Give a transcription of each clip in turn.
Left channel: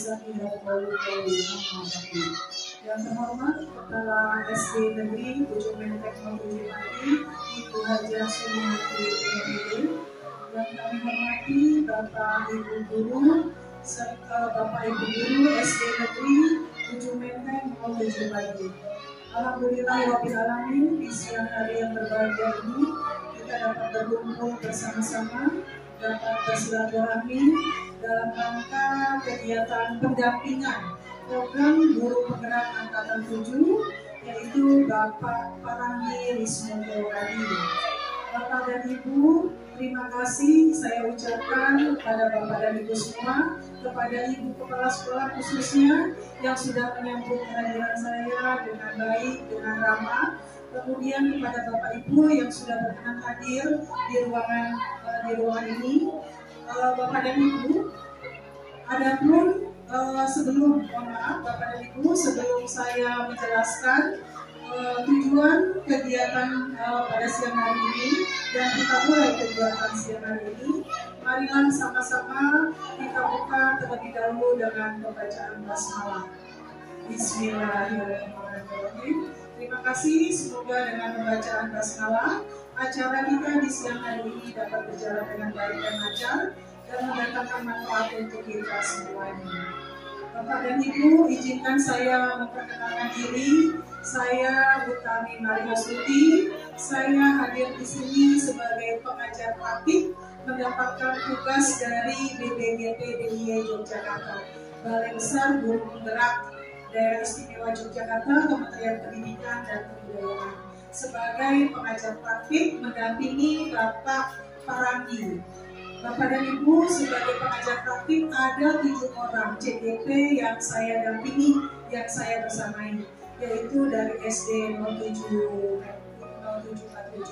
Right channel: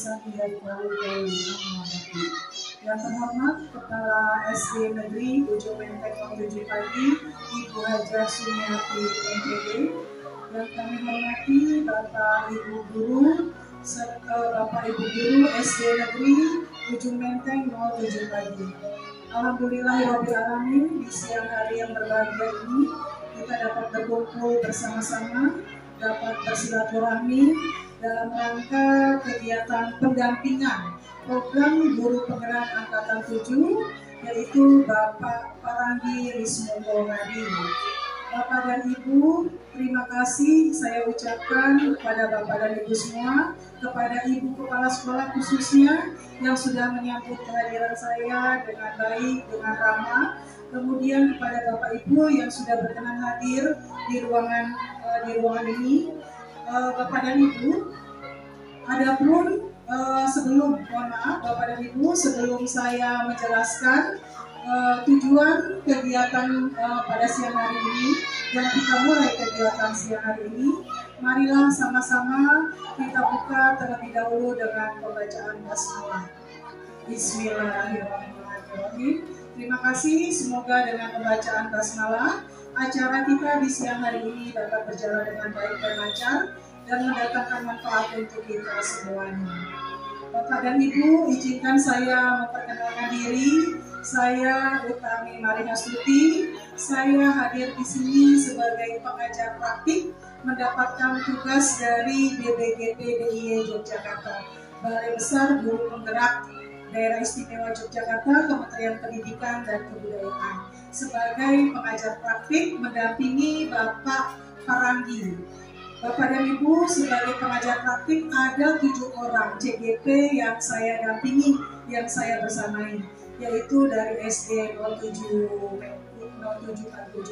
bisa tinggal poli-poli menghadapi. Yang terhormat Kepala SD Negeri Ujung Menteng 07 Pagi, Ibu Hajah Sumiati MPD. Yang kami hormati Bapak Ibu Guru serta Bapak Ibu Guru SD Negeri Ujung Menteng 07 Pagi. Alhamdulillahirabbil alamin, di siang hari yang berbahagia ini kita dapat berkumpul bersama-sama, dapat bersilaturahmi dalam rangka kegiatan pendampingan program guru penggerak angkatan 7, yaitu Bapak Paranggi Rismonto Hadi. Bapak dan Ibu, terima kasih saya ucapkan kepada Bapak dan Ibu semua, kepada Ibu Kepala Sekolah khususnya yang sudah menyambut kehadiran saya dengan baik, dengan ramah. Kemudian kepada Bapak Ibu yang sudah berkenan hadir di ruangan ini. Bapak dan Ibu, adapun sebelum, mohon maaf Bapak dan Ibu, sebelum saya menjelaskan tujuan kegiatan pada siang hari ini dan kita mulai kegiatan siang hari ini, marilah sama-sama kita buka terlebih dahulu dengan pembacaan basmalah. Bismillahirrahmanirrahim. Terima kasih, semoga dengan pembacaan basmalah acara kita di siang hari ini dapat berjalan dengan baik dan lancar dan mendatangkan manfaat untuk kita semuanya. Bapak dan Ibu, izinkan saya memperkenalkan diri. Saya Utami Marihastuti. Saya hadir di sini sebagai pengajar praktik mendapatkan tugas dari BBGP DIY Yogyakarta, Balai Besar Guru Penggerak Daerah Istimewa Yogyakarta, Kementerian Pendidikan dan Kebudayaan, sebagai pengajar praktik mendampingi Bapak Paranggi. Bapak dan Ibu, sebagai pengajar praktik ada 7 orang CGP yang saya dampingi, yang saya bersamai, yaitu dari SD 0747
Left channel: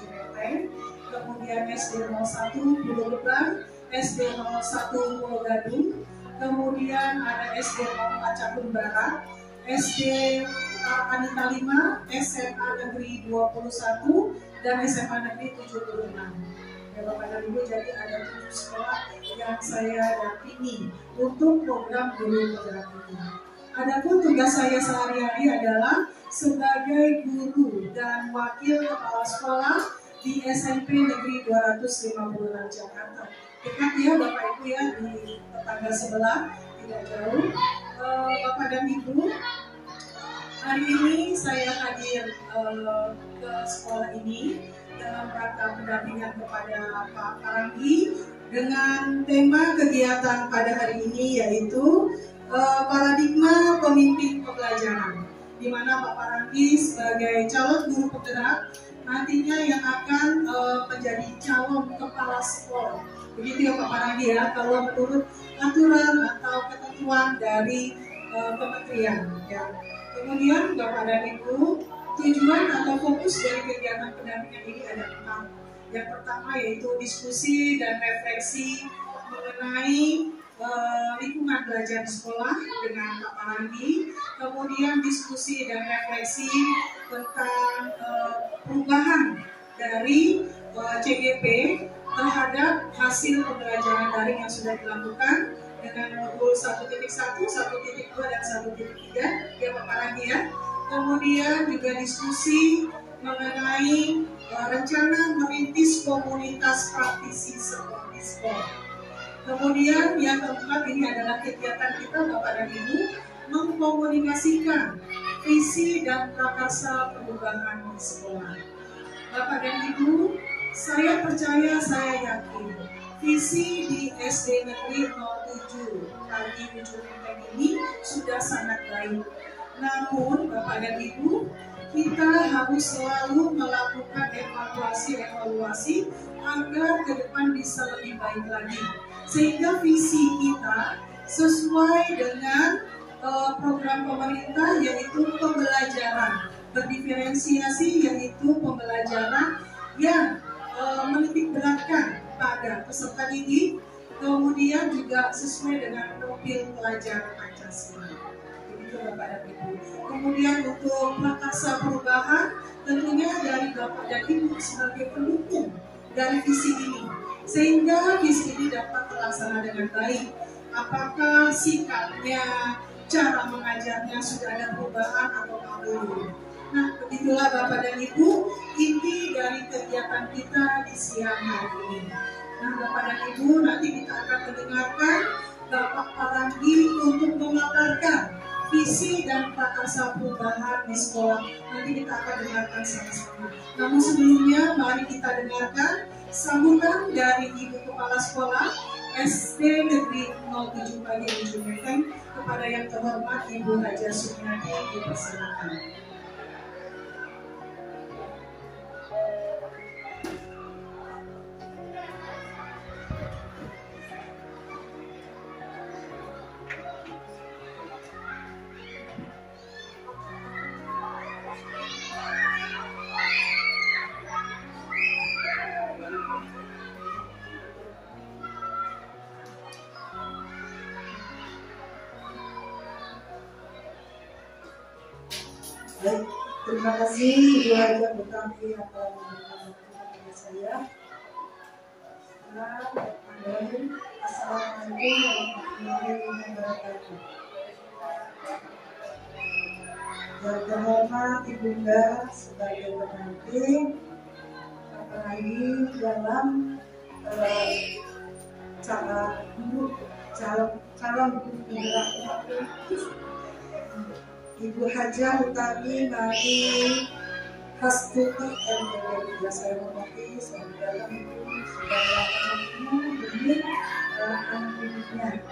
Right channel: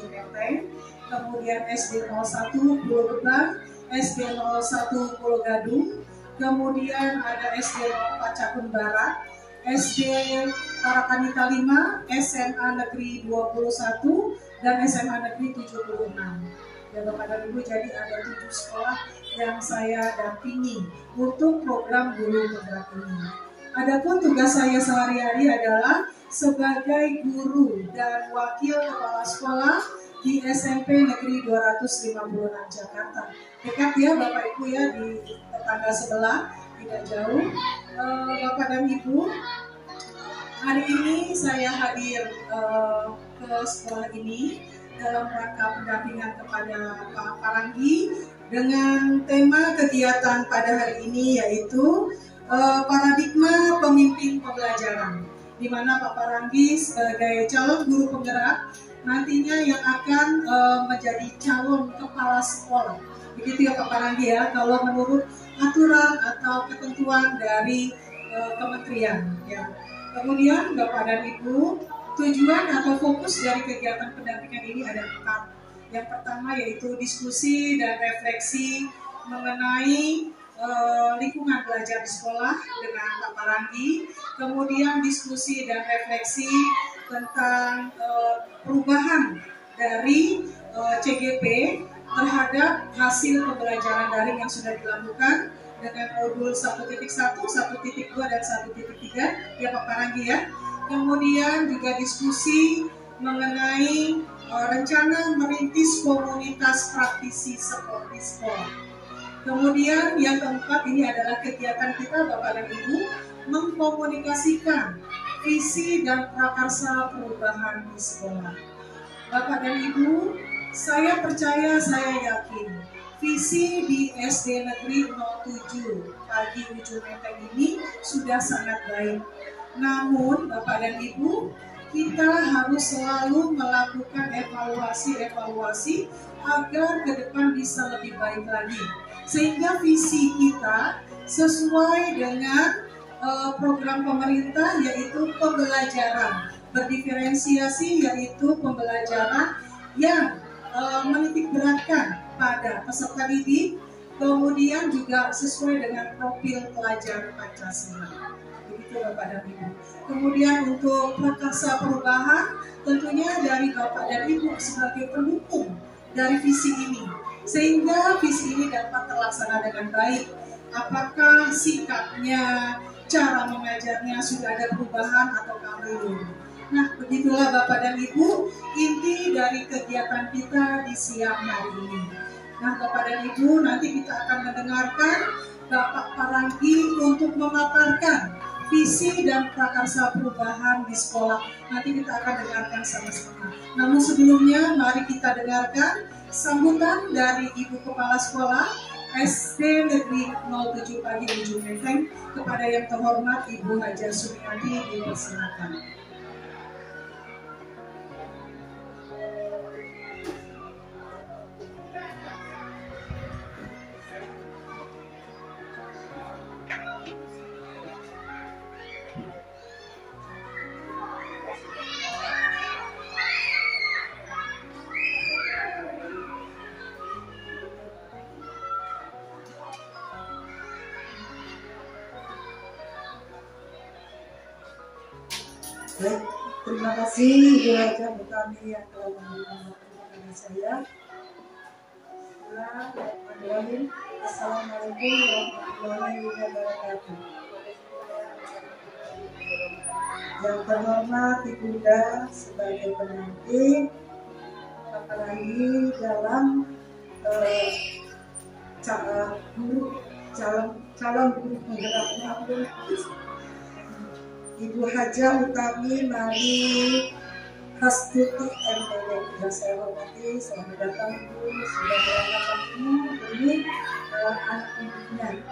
Menteng, kemudian SD 01 Pulau Gebang, SD 01 Pulau Gadung, kemudian ada SD 04 Cakung Barat, SD Tarakanita 5, SMA Negeri 21, dan SMA Negeri 76. Ya Bapak dan Ibu, jadi ada 7 sekolah yang saya dampingi untuk program guru penggerak ini. Adapun tugas saya sehari-hari adalah sebagai guru dan wakil kepala sekolah di SMP Negeri 256 Jakarta. Dekat ya Bapak Ibu ya, di tetangga sebelah, tidak jauh. Bapak dan Ibu, hari ini saya hadir ke sekolah ini dalam rangka pendampingan kepada Pak Paranggi dengan tema kegiatan pada hari ini, yaitu paradigma pemimpin pembelajaran, di mana Pak Paranggi sebagai calon guru penggerak nantinya yang akan menjadi calon kepala sekolah. Begitu ya Pak Paranggi ya, kalau menurut aturan atau ketentuan dari kementerian ya. Kemudian Bapak dan Ibu, tujuan atau fokus dari kegiatan pendampingan ini ada 4. Yang pertama yaitu diskusi dan refleksi mengenai lingkungan belajar di sekolah dengan Pak Paranggi. Kemudian diskusi dan refleksi tentang perubahan dari CGP terhadap hasil pembelajaran daring yang sudah dilakukan dengan modul 1.1, 1.2, dan 1.3 ya Pak Paranggi ya. Kemudian juga diskusi mengenai rencana merintis komunitas praktisi seperti sekolah. Kemudian yang keempat, ini adalah kegiatan kita Bapak dan Ibu mengkomunikasikan visi dan prakarsa perubahan di sekolah. Bapak dan Ibu, saya percaya, saya yakin visi di SD Negeri 07 Pagi Ujung Menteng ini sudah sangat baik. Namun Bapak dan Ibu, kita harus selalu melakukan evaluasi agar ke depan bisa lebih baik lagi, sehingga visi kita sesuai dengan program pemerintah, yaitu pembelajaran berdiferensiasi, yaitu pembelajaran yang menitik beratkan pada peserta didik, kemudian juga sesuai dengan profil pelajar Pancasila. Begitu Bapak dan Ibu. Kemudian untuk prakarsa perubahan, tentunya dari Bapak dan Ibu sebagai pendukung dari visi ini, sehingga visi ini dapat terlaksana dengan baik. apakah sikapnya, cara mengajarnya sudah ada perubahan atau belum. Nah, begitulah Bapak dan Ibu, inti dari kegiatan kita di siang hari ini. Nah, Bapak dan Ibu, nanti kita akan mendengarkan Bapak Paranggi untuk memaparkan visi dan prakarsa perubahan di sekolah. Nanti kita akan dengarkan sama-sama. Namun sebelumnya, mari kita dengarkan sambutan dari Ibu Kepala Sekolah SD Negeri 07 Pagi Ujung Menteng. Kepada yang terhormat Ibu Haja Sumiati, dipersilakan. Baik, terima kasih Ibu Haja Butami yang telah memberikan waktu kepada saya. Assalamualaikum warahmatullahi wabarakatuh. Yang terhormat Ibunda sebagai pendamping, apalagi dalam calon guru penggerak Ibu Haja Utami Mari Hastuti MPD. Yang saya hormati, selamat datang Ibu, sudah meluangkan waktu demi anak didiknya.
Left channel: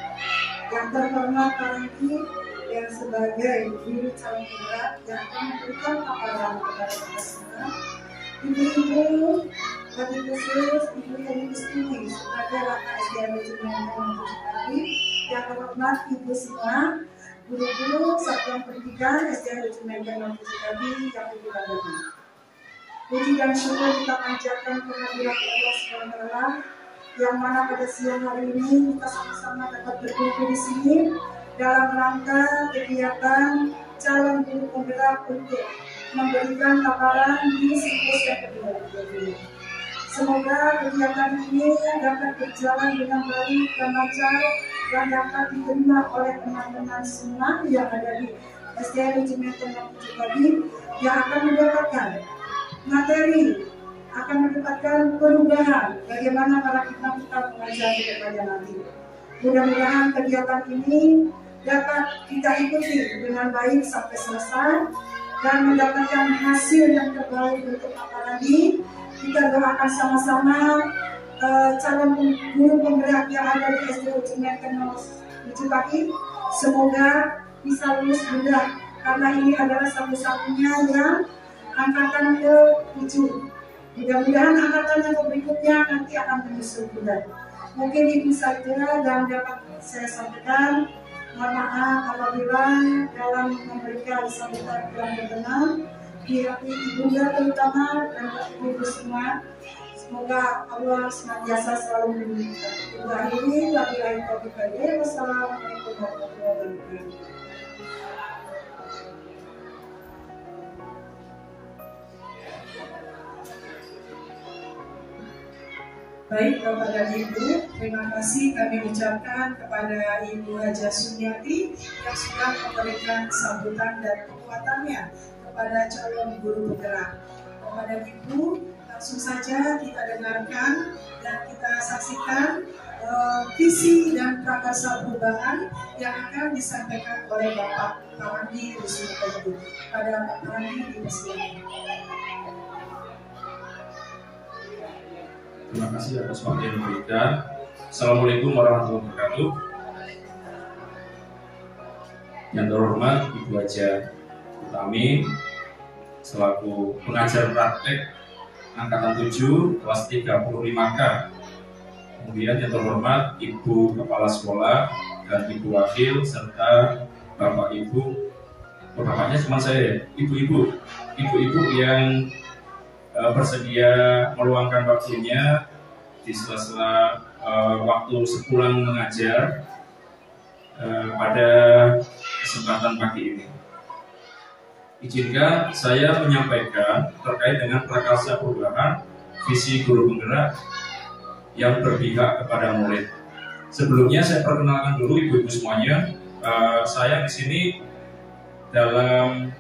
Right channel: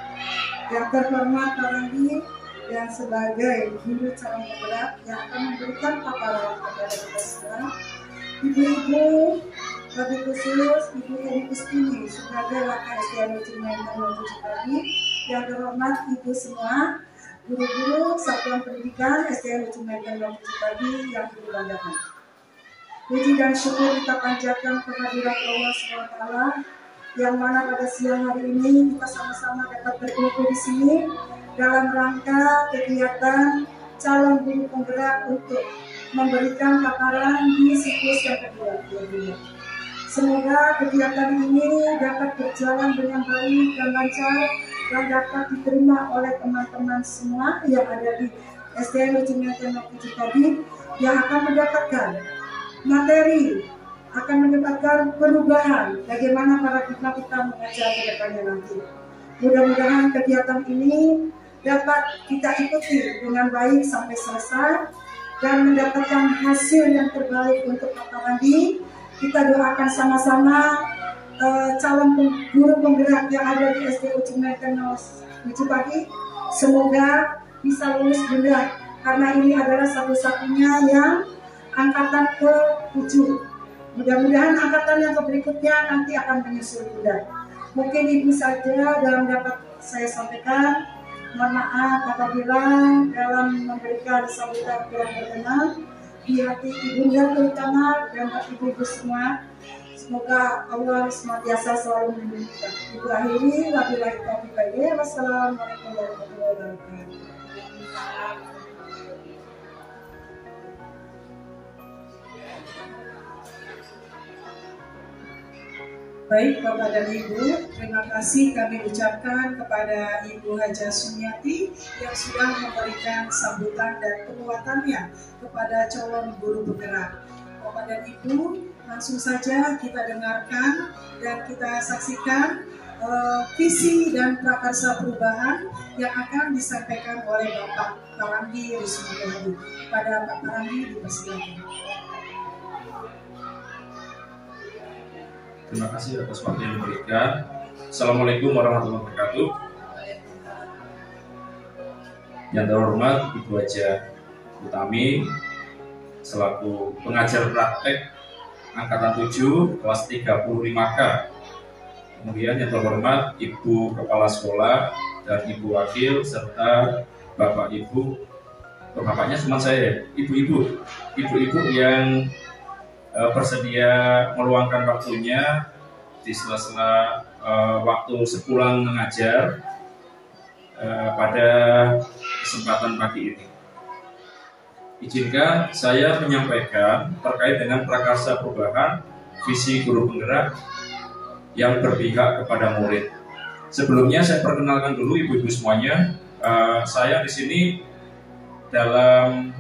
Yang terhormat Paranggi yang sebagai guru calon penggerak yang akan memberikan paparan kepada kita semua. Ibu-ibu, bagi khusus Ibu Eni Kustini sebagai Wakil SDN Menteng 07 Pagi. Yang terhormat Ibu semua, guru-guru Satuan Pendidikan SDN Menteng 07 Pagi yang dibanggakan. Puji dan syukur kita panjatkan kehadirat Allah SWT, yang mana pada siang hari ini kita sama-sama dapat berkumpul di sini dalam rangka kegiatan calon guru penggerak untuk memberikan paparan di siklus yang kedua. Semoga kegiatan ini dapat berjalan dengan baik dan lancar dan dapat diterima oleh teman-teman semua yang ada di SDN Menteng 07 Pagi yang akan mendapatkan materi, akan mendapatkan perubahan bagaimana paradigma kita mengajar ke depannya nanti. Mudah-mudahan kegiatan ini dapat kita ikuti dengan baik sampai selesai dan mendapatkan hasil yang terbaik untuk Pak Paranggi. Kita doakan sama-sama calon guru penggerak yang ada di SDN Menteng 07 Pagi semoga bisa lulus juga, karena ini adalah satu-satunya yang angkatan ke-7. Mudah-mudahan angkatan yang berikutnya nanti akan menyusul juga. Mungkin itu saja yang dapat saya sampaikan. Mohon maaf apabila dalam memberikan sambutan kurang berkenan di hati ibunda terutama dan ibu-ibu semua. Semoga Allah senantiasa selalu melindungi kita. Ibu akhiri, wabillahi taufiq wal hidayah. Wassalamualaikum warahmatullahi wabarakatuh. Baik Bapak dan Ibu, terima kasih kami ucapkan kepada Ibu Haja Sumiati yang sudah memberikan sambutan dan penguatannya kepada calon guru penggerak. Bapak dan Ibu, langsung saja kita dengarkan dan kita saksikan visi dan prakarsa perubahan yang akan disampaikan oleh Bapak Paranggi Rismugodu. Pada Pak Paranggi dipersilakan. Terima kasih atas waktu yang diberikan. Assalamualaikum warahmatullahi wabarakatuh. Yang terhormat Ibu Haja Utami selaku pengajar praktek angkatan 7 kelas 35K. Kemudian yang terhormat Ibu Kepala Sekolah dan Ibu Wakil serta Bapak Ibu. Bapaknya cuma saya, ibu-ibu yang bersedia meluangkan waktunya di sela-sela waktu sepulang mengajar pada kesempatan pagi ini. Izinkan saya menyampaikan terkait dengan prakarsa perubahan visi guru penggerak yang berpihak kepada murid. Sebelumnya saya perkenalkan dulu ibu-ibu semuanya. Saya di sini dalam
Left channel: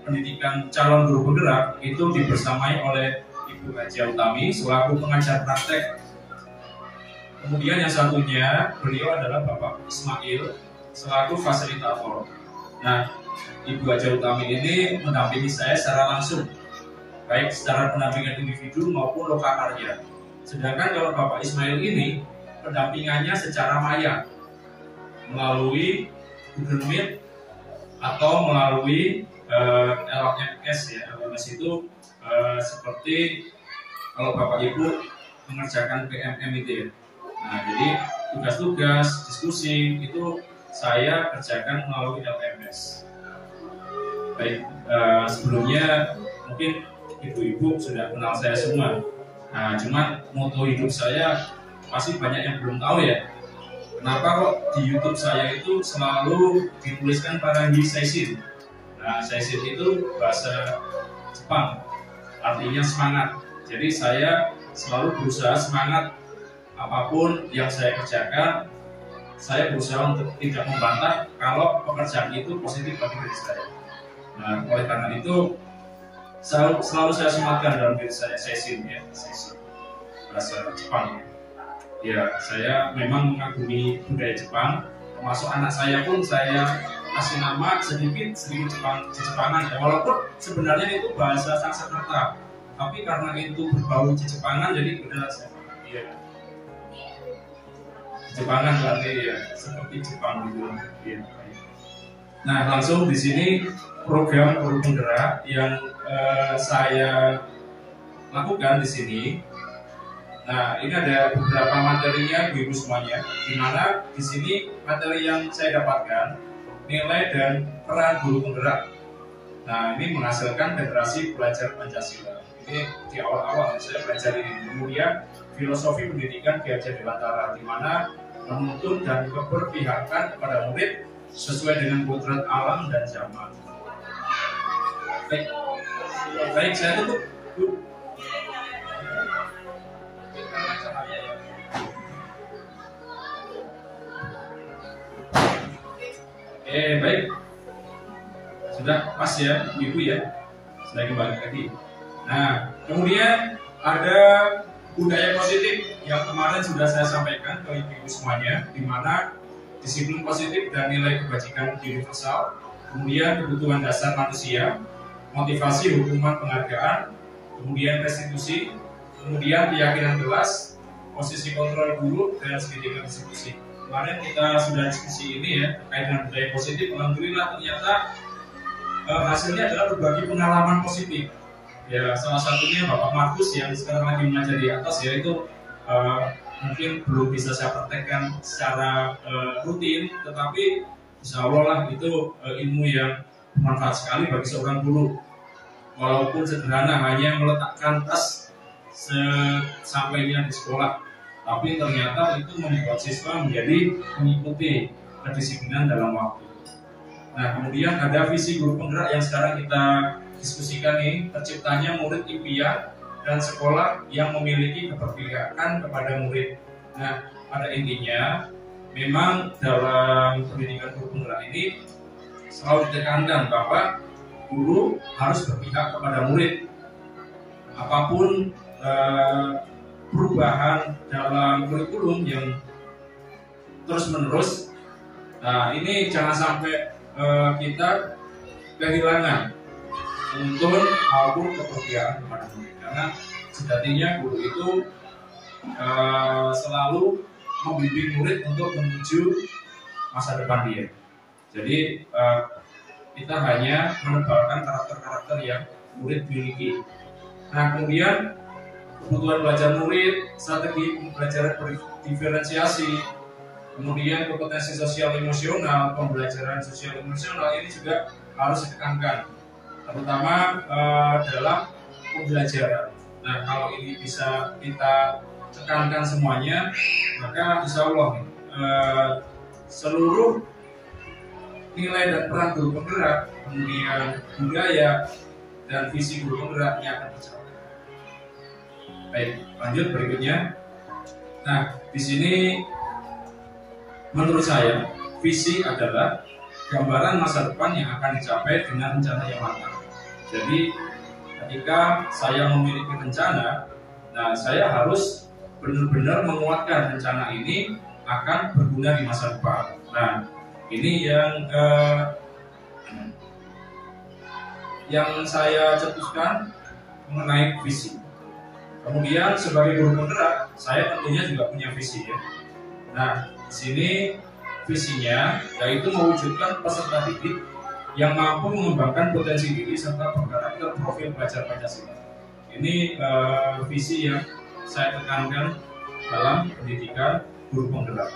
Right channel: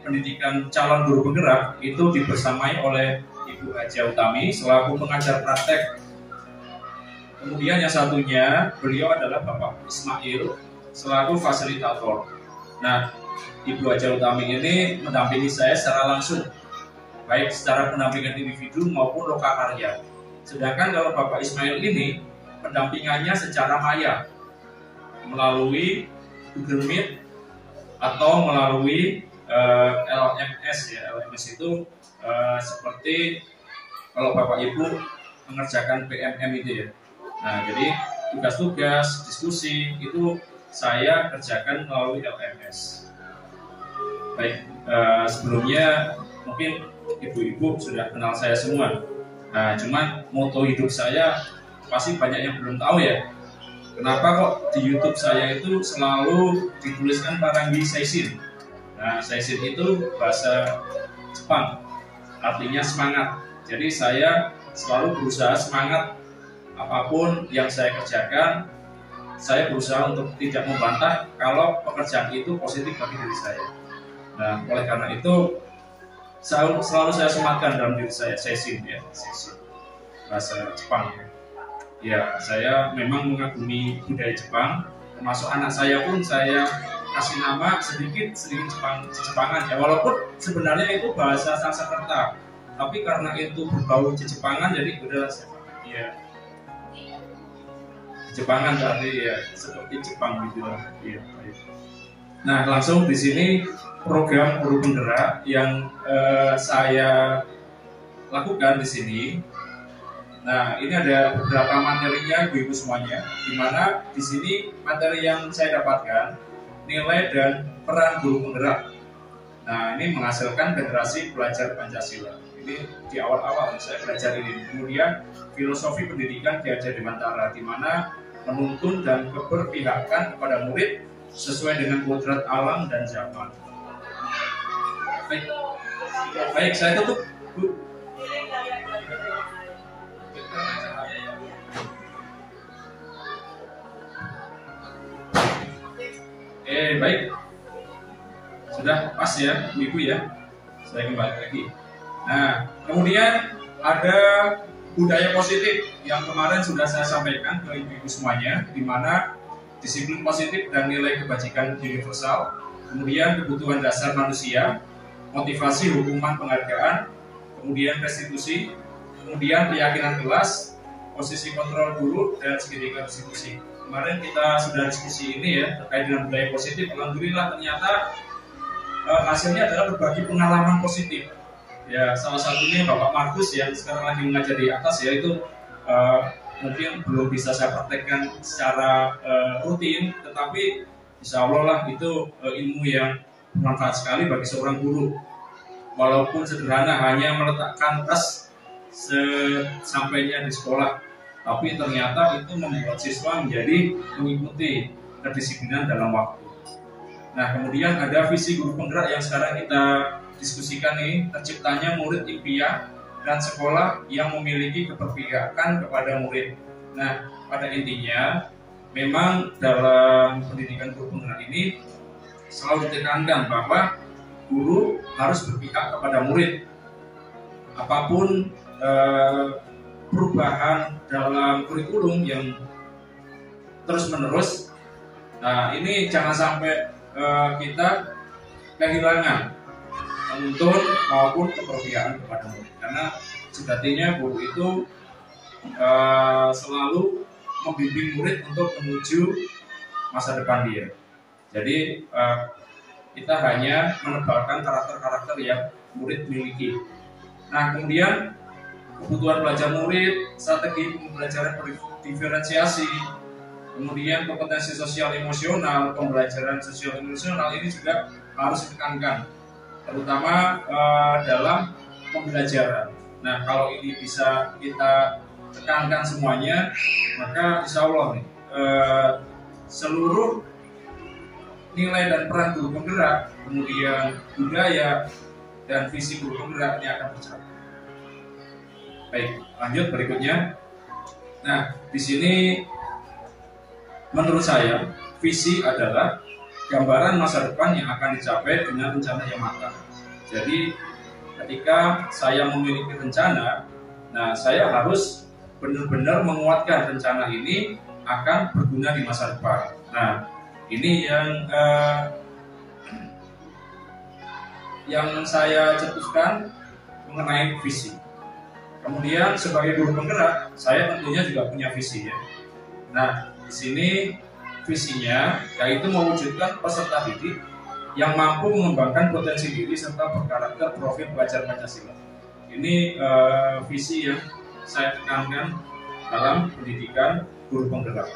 pendidikan calon guru penggerak itu dibersamai oleh Ibu Haja Utami selaku pengajar praktek. Kemudian yang satunya beliau adalah Bapak Ismail selaku fasilitator. Nah, Ibu Haja Utami ini mendampingi saya secara langsung, baik secara pendampingan individu maupun lokakarya. Sedangkan kalau Bapak Ismail ini pendampingannya secara maya melalui Google Meet atau melalui LMS ya. LMS itu seperti kalau Bapak Ibu mengerjakan PMM itu ya. Nah, jadi tugas-tugas, diskusi itu saya kerjakan melalui LMS. Baik, sebelumnya mungkin ibu-ibu sudah kenal saya semua. Nah, cuman moto hidup saya pasti banyak yang belum tahu ya. Kenapa kok di YouTube saya itu selalu dituliskan Parangi Seishin? Nah, Seishin itu bahasa Jepang, artinya semangat. Jadi saya selalu berusaha semangat apapun yang saya kerjakan. Saya berusaha untuk tidak membantah kalau pekerjaan itu positif bagi diri saya. Nah, oleh karena itu selalu saya sematkan dalam diri saya Seishin ya, Seishin bahasa Jepang ya. Ya, saya memang mengagumi budaya Jepang, termasuk anak saya pun saya kasih nama sedikit Jepangan ya, walaupun sebenarnya itu bahasa Sanskerta, tapi karena itu berbau Jepangan jadi udahlah saya ya Jepangan berarti ya seperti Jepang gitu lah. Ya, baik. Nah, langsung di sini program guru penggerak yang saya lakukan di sini. Nah, ini ada beberapa materinya ibu-ibu semuanya, di mana di sini materi yang saya dapatkan nilai dan peran guru penggerak. Nah, ini menghasilkan generasi pelajar Pancasila. Ini di awal-awal saya belajar ini. Kemudian filosofi pendidikan Ki Hajar Dewantara, di mana menuntun dan keberpihakan kepada murid sesuai dengan kodrat alam dan zaman. Baik, saya tutup, Bu. Baik, sudah pas ya ibu ya, saya kembali lagi. Nah, kemudian ada budaya positif yang kemarin sudah saya sampaikan ke ibu-ibu semuanya, di mana disiplin positif dan nilai kebajikan universal, kemudian kebutuhan dasar manusia, motivasi, hukuman, penghargaan, kemudian restitusi, kemudian keyakinan kelas, posisi kontrol guru, dan segitiga restitusi. Kemarin kita sudah diskusi ini ya terkait dengan budaya positif. Alhamdulillah ternyata hasilnya adalah berbagi pengalaman positif. Ya, salah satunya Bapak Markus yang sekarang lagi mengajar di atas ya, itu mungkin belum bisa saya praktekkan secara rutin, tetapi insya Allah lah itu ilmu yang bermanfaat sekali bagi seorang guru. Walaupun sederhana, hanya meletakkan tas sesampainya di sekolah, tapi ternyata itu membuat siswa menjadi mengikuti kedisiplinan dalam waktu. Nah, kemudian ada visi guru penggerak yang sekarang kita diskusikan nih, terciptanya murid impian dan sekolah yang memiliki keberpihakan kepada murid. Nah, pada intinya memang dalam pendidikan guru penggerak ini selalu ditekankan bahwa guru harus berpihak kepada murid. Apapun perubahan dalam kurikulum yang terus-menerus, nah ini jangan sampai kita kehilangan penuntun maupun keberpihakan kepada murid, karena sejatinya guru itu selalu membimbing murid untuk menuju masa depan dia. Jadi kita hanya menebalkan karakter-karakter yang murid miliki. Nah, kemudian kebutuhan belajar murid, strategi pembelajaran berdiferensiasi, kemudian kompetensi sosial emosional, pembelajaran sosial emosional ini juga harus ditekankan, terutama dalam pembelajaran. Nah, kalau ini bisa kita tekankan semuanya, maka insya Allah seluruh nilai dan peran guru penggerak, kemudian budaya dan visi guru penggeraknya akan tercapai. Baik, lanjut berikutnya. Nah, di sini menurut saya visi adalah gambaran masa depan yang akan dicapai dengan rencana yang matang. Jadi ketika saya memiliki rencana, nah saya harus benar-benar menguatkan rencana ini akan berguna di masa depan. Nah, ini yang saya cetuskan mengenai visi. Kemudian sebagai guru penggerak, saya tentunya juga punya visi ya. Nah, di sini visinya yaitu mewujudkan peserta didik yang mampu mengembangkan potensi diri serta berkarakter profil pelajar Pancasila. Ini visi yang saya tekankan dalam pendidikan guru penggerak.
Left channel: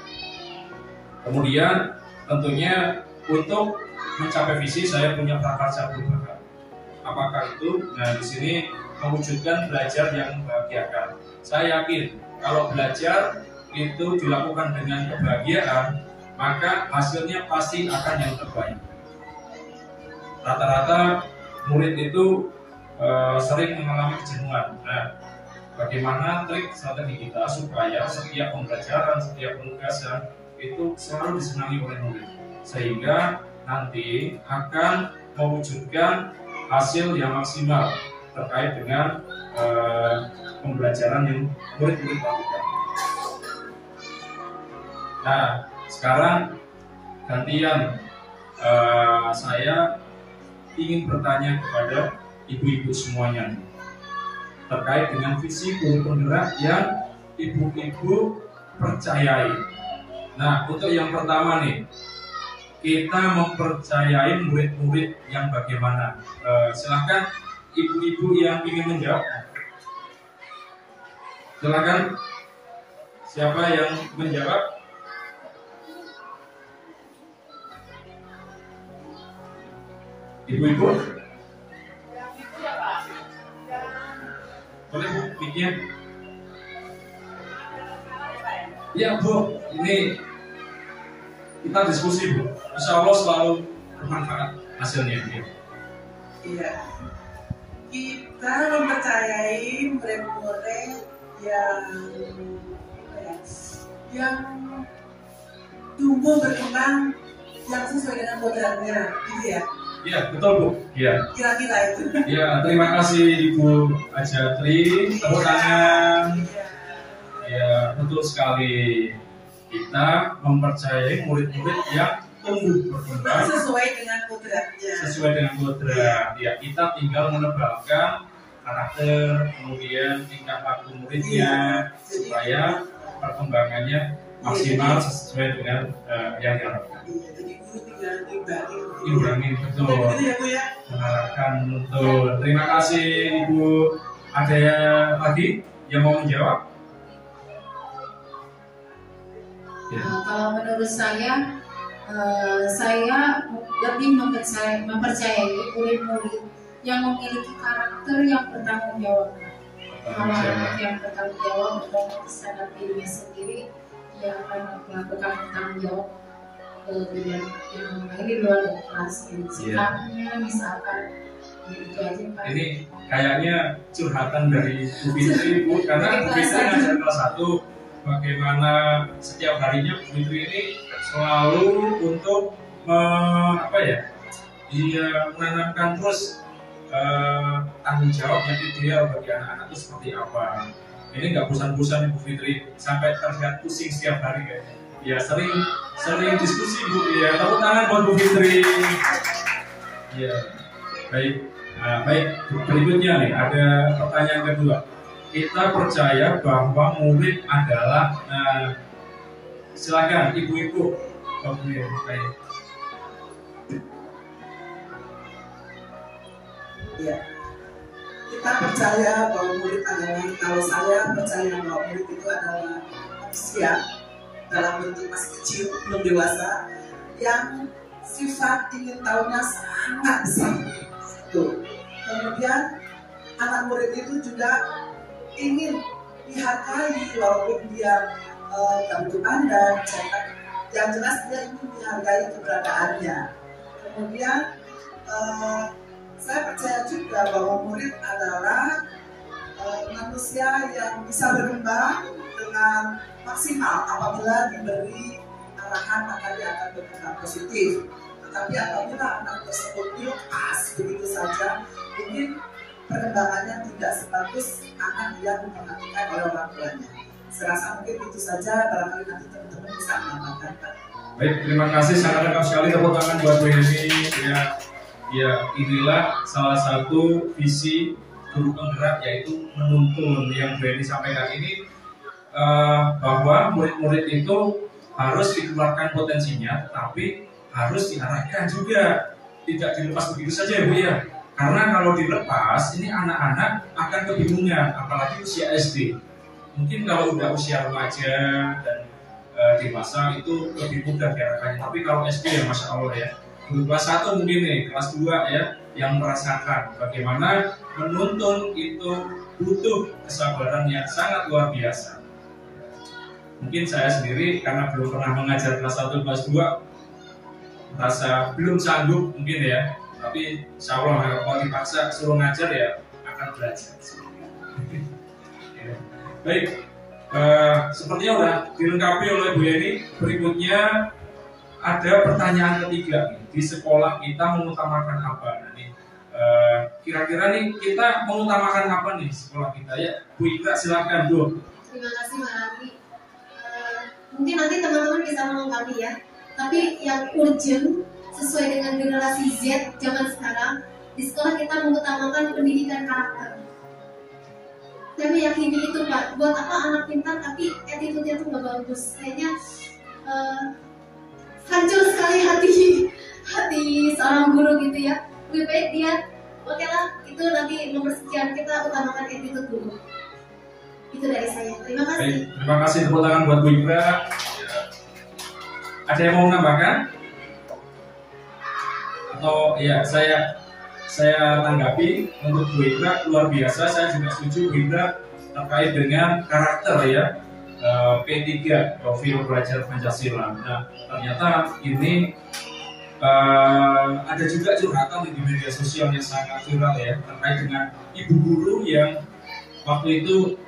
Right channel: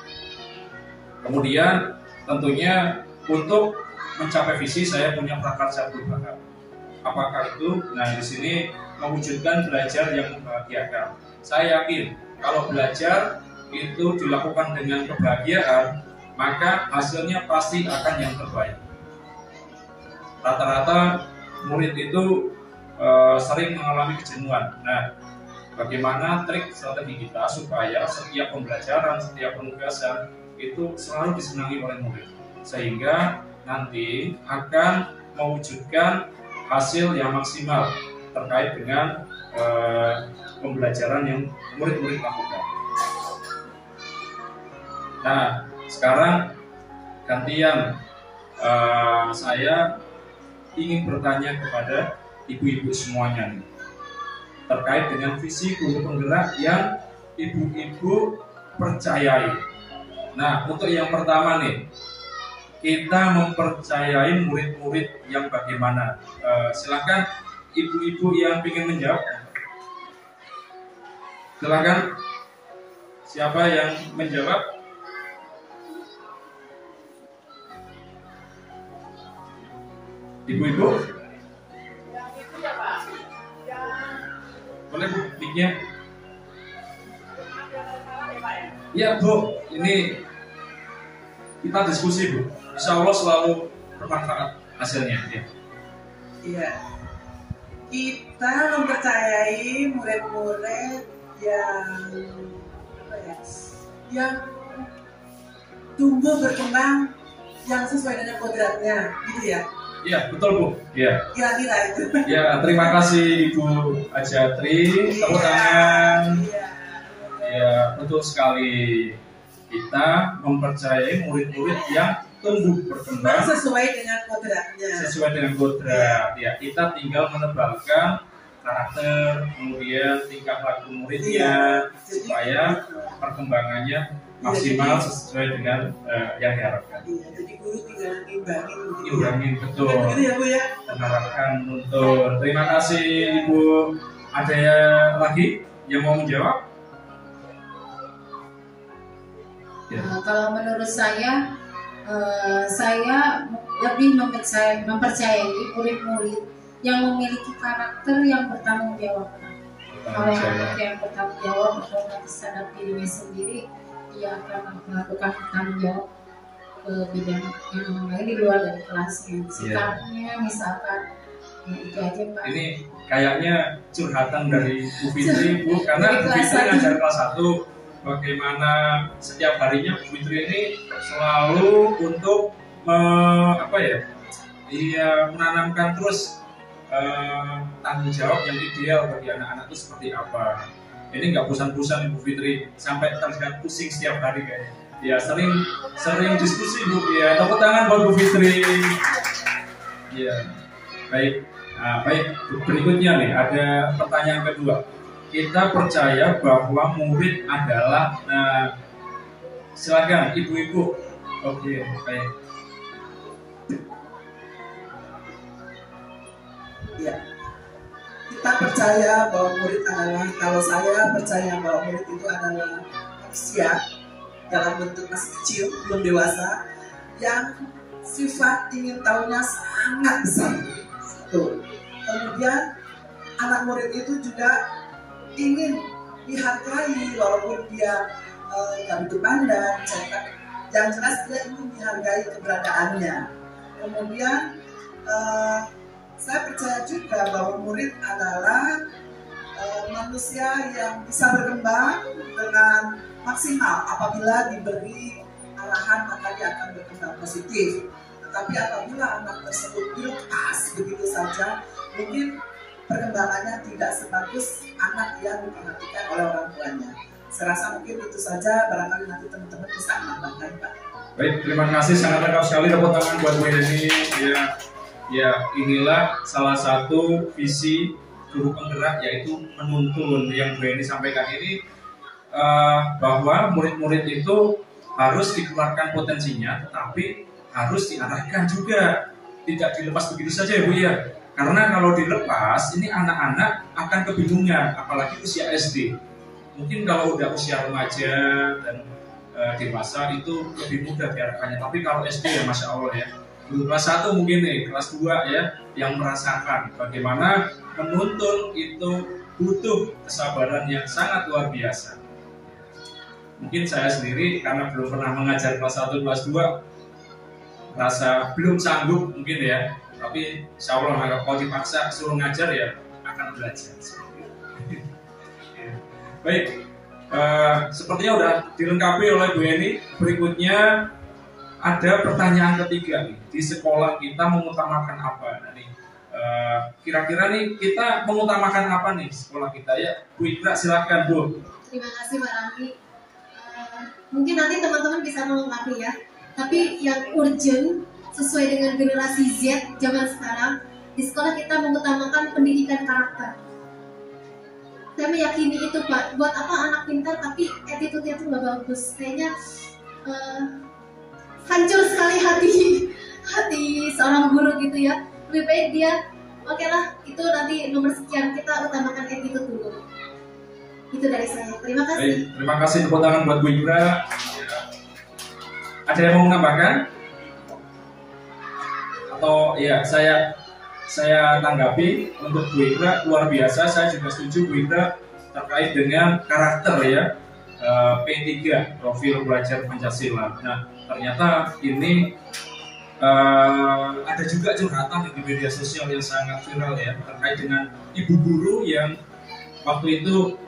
Kemudian tentunya untuk mencapai visi saya punya prakarsa perubahan. Apakah itu? Nah, di sini mewujudkan belajar yang membahagiakan. Saya yakin kalau belajar itu dilakukan dengan kebahagiaan, maka hasilnya pasti akan yang terbaik. Rata-rata murid itu sering mengalami kejenuhan. Nah, bagaimana trik strategi kita supaya setiap pembelajaran, setiap penugasan itu selalu disenangi oleh murid, sehingga nanti akan mewujudkan hasil yang maksimal terkait dengan pembelajaran yang murid-murid lakukan. Nah, sekarang gantian saya ingin bertanya kepada ibu-ibu semuanya terkait dengan visi guru penggerak yang ibu-ibu percayai. Nah, untuk yang pertama nih, kita mempercayai murid-murid yang bagaimana? Silakan ibu-ibu yang ingin menjawab. Silakan, siapa yang menjawab? Ibu-ibu? Boleh Bu, mic-nya? Iya Bu, ini kita diskusi Bu. Insya Allah selalu bermanfaat hasilnya. Iya. Kita mempercayai murid-murid yang tumbuh berkembang yang sesuai dengan kodratnya, gitu ya. Iya, betul Bu. Iya. Kira-kira itu. Ya, terima kasih Ibu Ajatri. Tepuk tangan. Ya, betul sekali. Kita mempercayai murid-murid yang tumbuh berkembang sesuai dengan kodratnya. Sesuai dengan kodrat. Ya, kita tinggal menebalkan karakter, kemudian tingkah laku muridnya, supaya perkembangannya maksimal sesuai dengan yang diharapkan. Iya, jadi guru tinggal imbangin. Imbangin, betul. Begitu ya Bu ya. Menerapkan nuntun. Terima kasih Ibu. Ada yang lagi yang mau menjawab? Ya. Kalau menurut saya lebih mempercayai murid-murid yang memiliki karakter yang bertanggung jawab. Kalau anak yang bertanggung jawab atau sadar dirinya sendiri, dia akan melakukan tanggung jawab ke bidang yang lain di luar dari kelasnya. Sikapnya misalkan itu aja Pak. Ini kayaknya curhatan dari Bu Fitri Bu, karena Bu Fitri ngajar kelas 1. Bagaimana setiap harinya Bu Fitri ini selalu untuk menanamkan terus tanggung jawab yang ideal bagi anak-anak itu seperti apa. Ini nggak bosan-bosan Bu Fitri, sampai terlihat pusing setiap hari kayaknya. Ya, sering diskusi Bu. Ya, tepuk tangan buat Bu Fitri. Ya, baik. Baik, berikutnya nih ada pertanyaan kedua. Kita percaya bahwa murid adalah, silakan ibu-ibu. Oke, baik. Ya, kita percaya bahwa murid adalah, kalau saya percaya bahwa murid itu adalah manusia dalam bentuk masih kecil, belum dewasa, yang sifat ingin tahunya sangat besar. Tuh. Kemudian anak murid itu juga ingin dihargai walaupun dia nggak begitu pandang, cetak. Yang jelas dia ingin dihargai keberadaannya. Kemudian saya percaya juga bahwa murid adalah manusia yang bisa berkembang dengan maksimal apabila diberi arahan maka dia akan berkembang positif. Tetapi apabila anak tersebut dilepas begitu saja, mungkin perkembangannya tidak sebagus anak yang diperhatikan oleh orang tuanya. Saya rasa mungkin itu saja, barangkali nanti teman-teman bisa menambahkan, Pak. Baik, terima kasih, sangat lengkap sekali. Tepuk tangan buat Bu Heni. Ya, inilah salah satu visi guru penggerak, yaitu menuntun yang Bu Heni sampaikan ini, bahwa murid-murid itu harus dikeluarkan potensinya, tapi harus diarahkan juga, tidak dilepas begitu saja ya Bu ya. Karena kalau dilepas, ini anak-anak akan kebingungan, apalagi usia SD. Mungkin kalau udah usia remaja dan dewasa itu lebih mudah diarahkannya. Tapi kalau SD ya Masya Allah ya, kelas 1 mungkin nih, kelas 2 ya, yang merasakan bagaimana menuntun itu butuh kesabaran yang sangat luar biasa. Mungkin saya sendiri karena belum pernah mengajar kelas 1, kelas 2, rasa belum sanggup mungkin ya. Tapi insya Allah kalau dipaksa suruh ngajar ya akan belajar. Ya. Baik, sepertinya udah dilengkapi oleh Bu Heni. Berikutnya ada pertanyaan ketiga nih. Di sekolah kita mengutamakan apa? Nah, nih, kira-kira nih kita mengutamakan apa nih sekolah kita ya? Bu Ikra silakan Bu. Terima kasih Pak Rani. Mungkin nanti teman-teman bisa melengkapi ya. Tapi yang urgent sesuai dengan generasi Z zaman sekarang, di sekolah kita mengutamakan pendidikan karakter. Saya meyakini itu Pak. Buat apa anak pintar tapi attitude-nya tuh nggak bagus? Kayaknya hancur sekali hati seorang guru gitu ya. Lebih baik dia, oke lah, itu nanti nomor sekian, kita utamakan attitude dulu. Itu dari saya. Terima kasih. Baik, terima kasih, tepuk tangan buat Bu Ikra. Ada yang mau menambahkan? Atau ya saya tanggapi untuk Bu Ikra luar biasa. Saya juga setuju Bu Ikra terkait dengan karakter ya, P3 profil belajar Pancasila. Nah ternyata ini ada juga curhatan di media sosial yang sangat viral ya, terkait dengan ibu guru yang waktu itu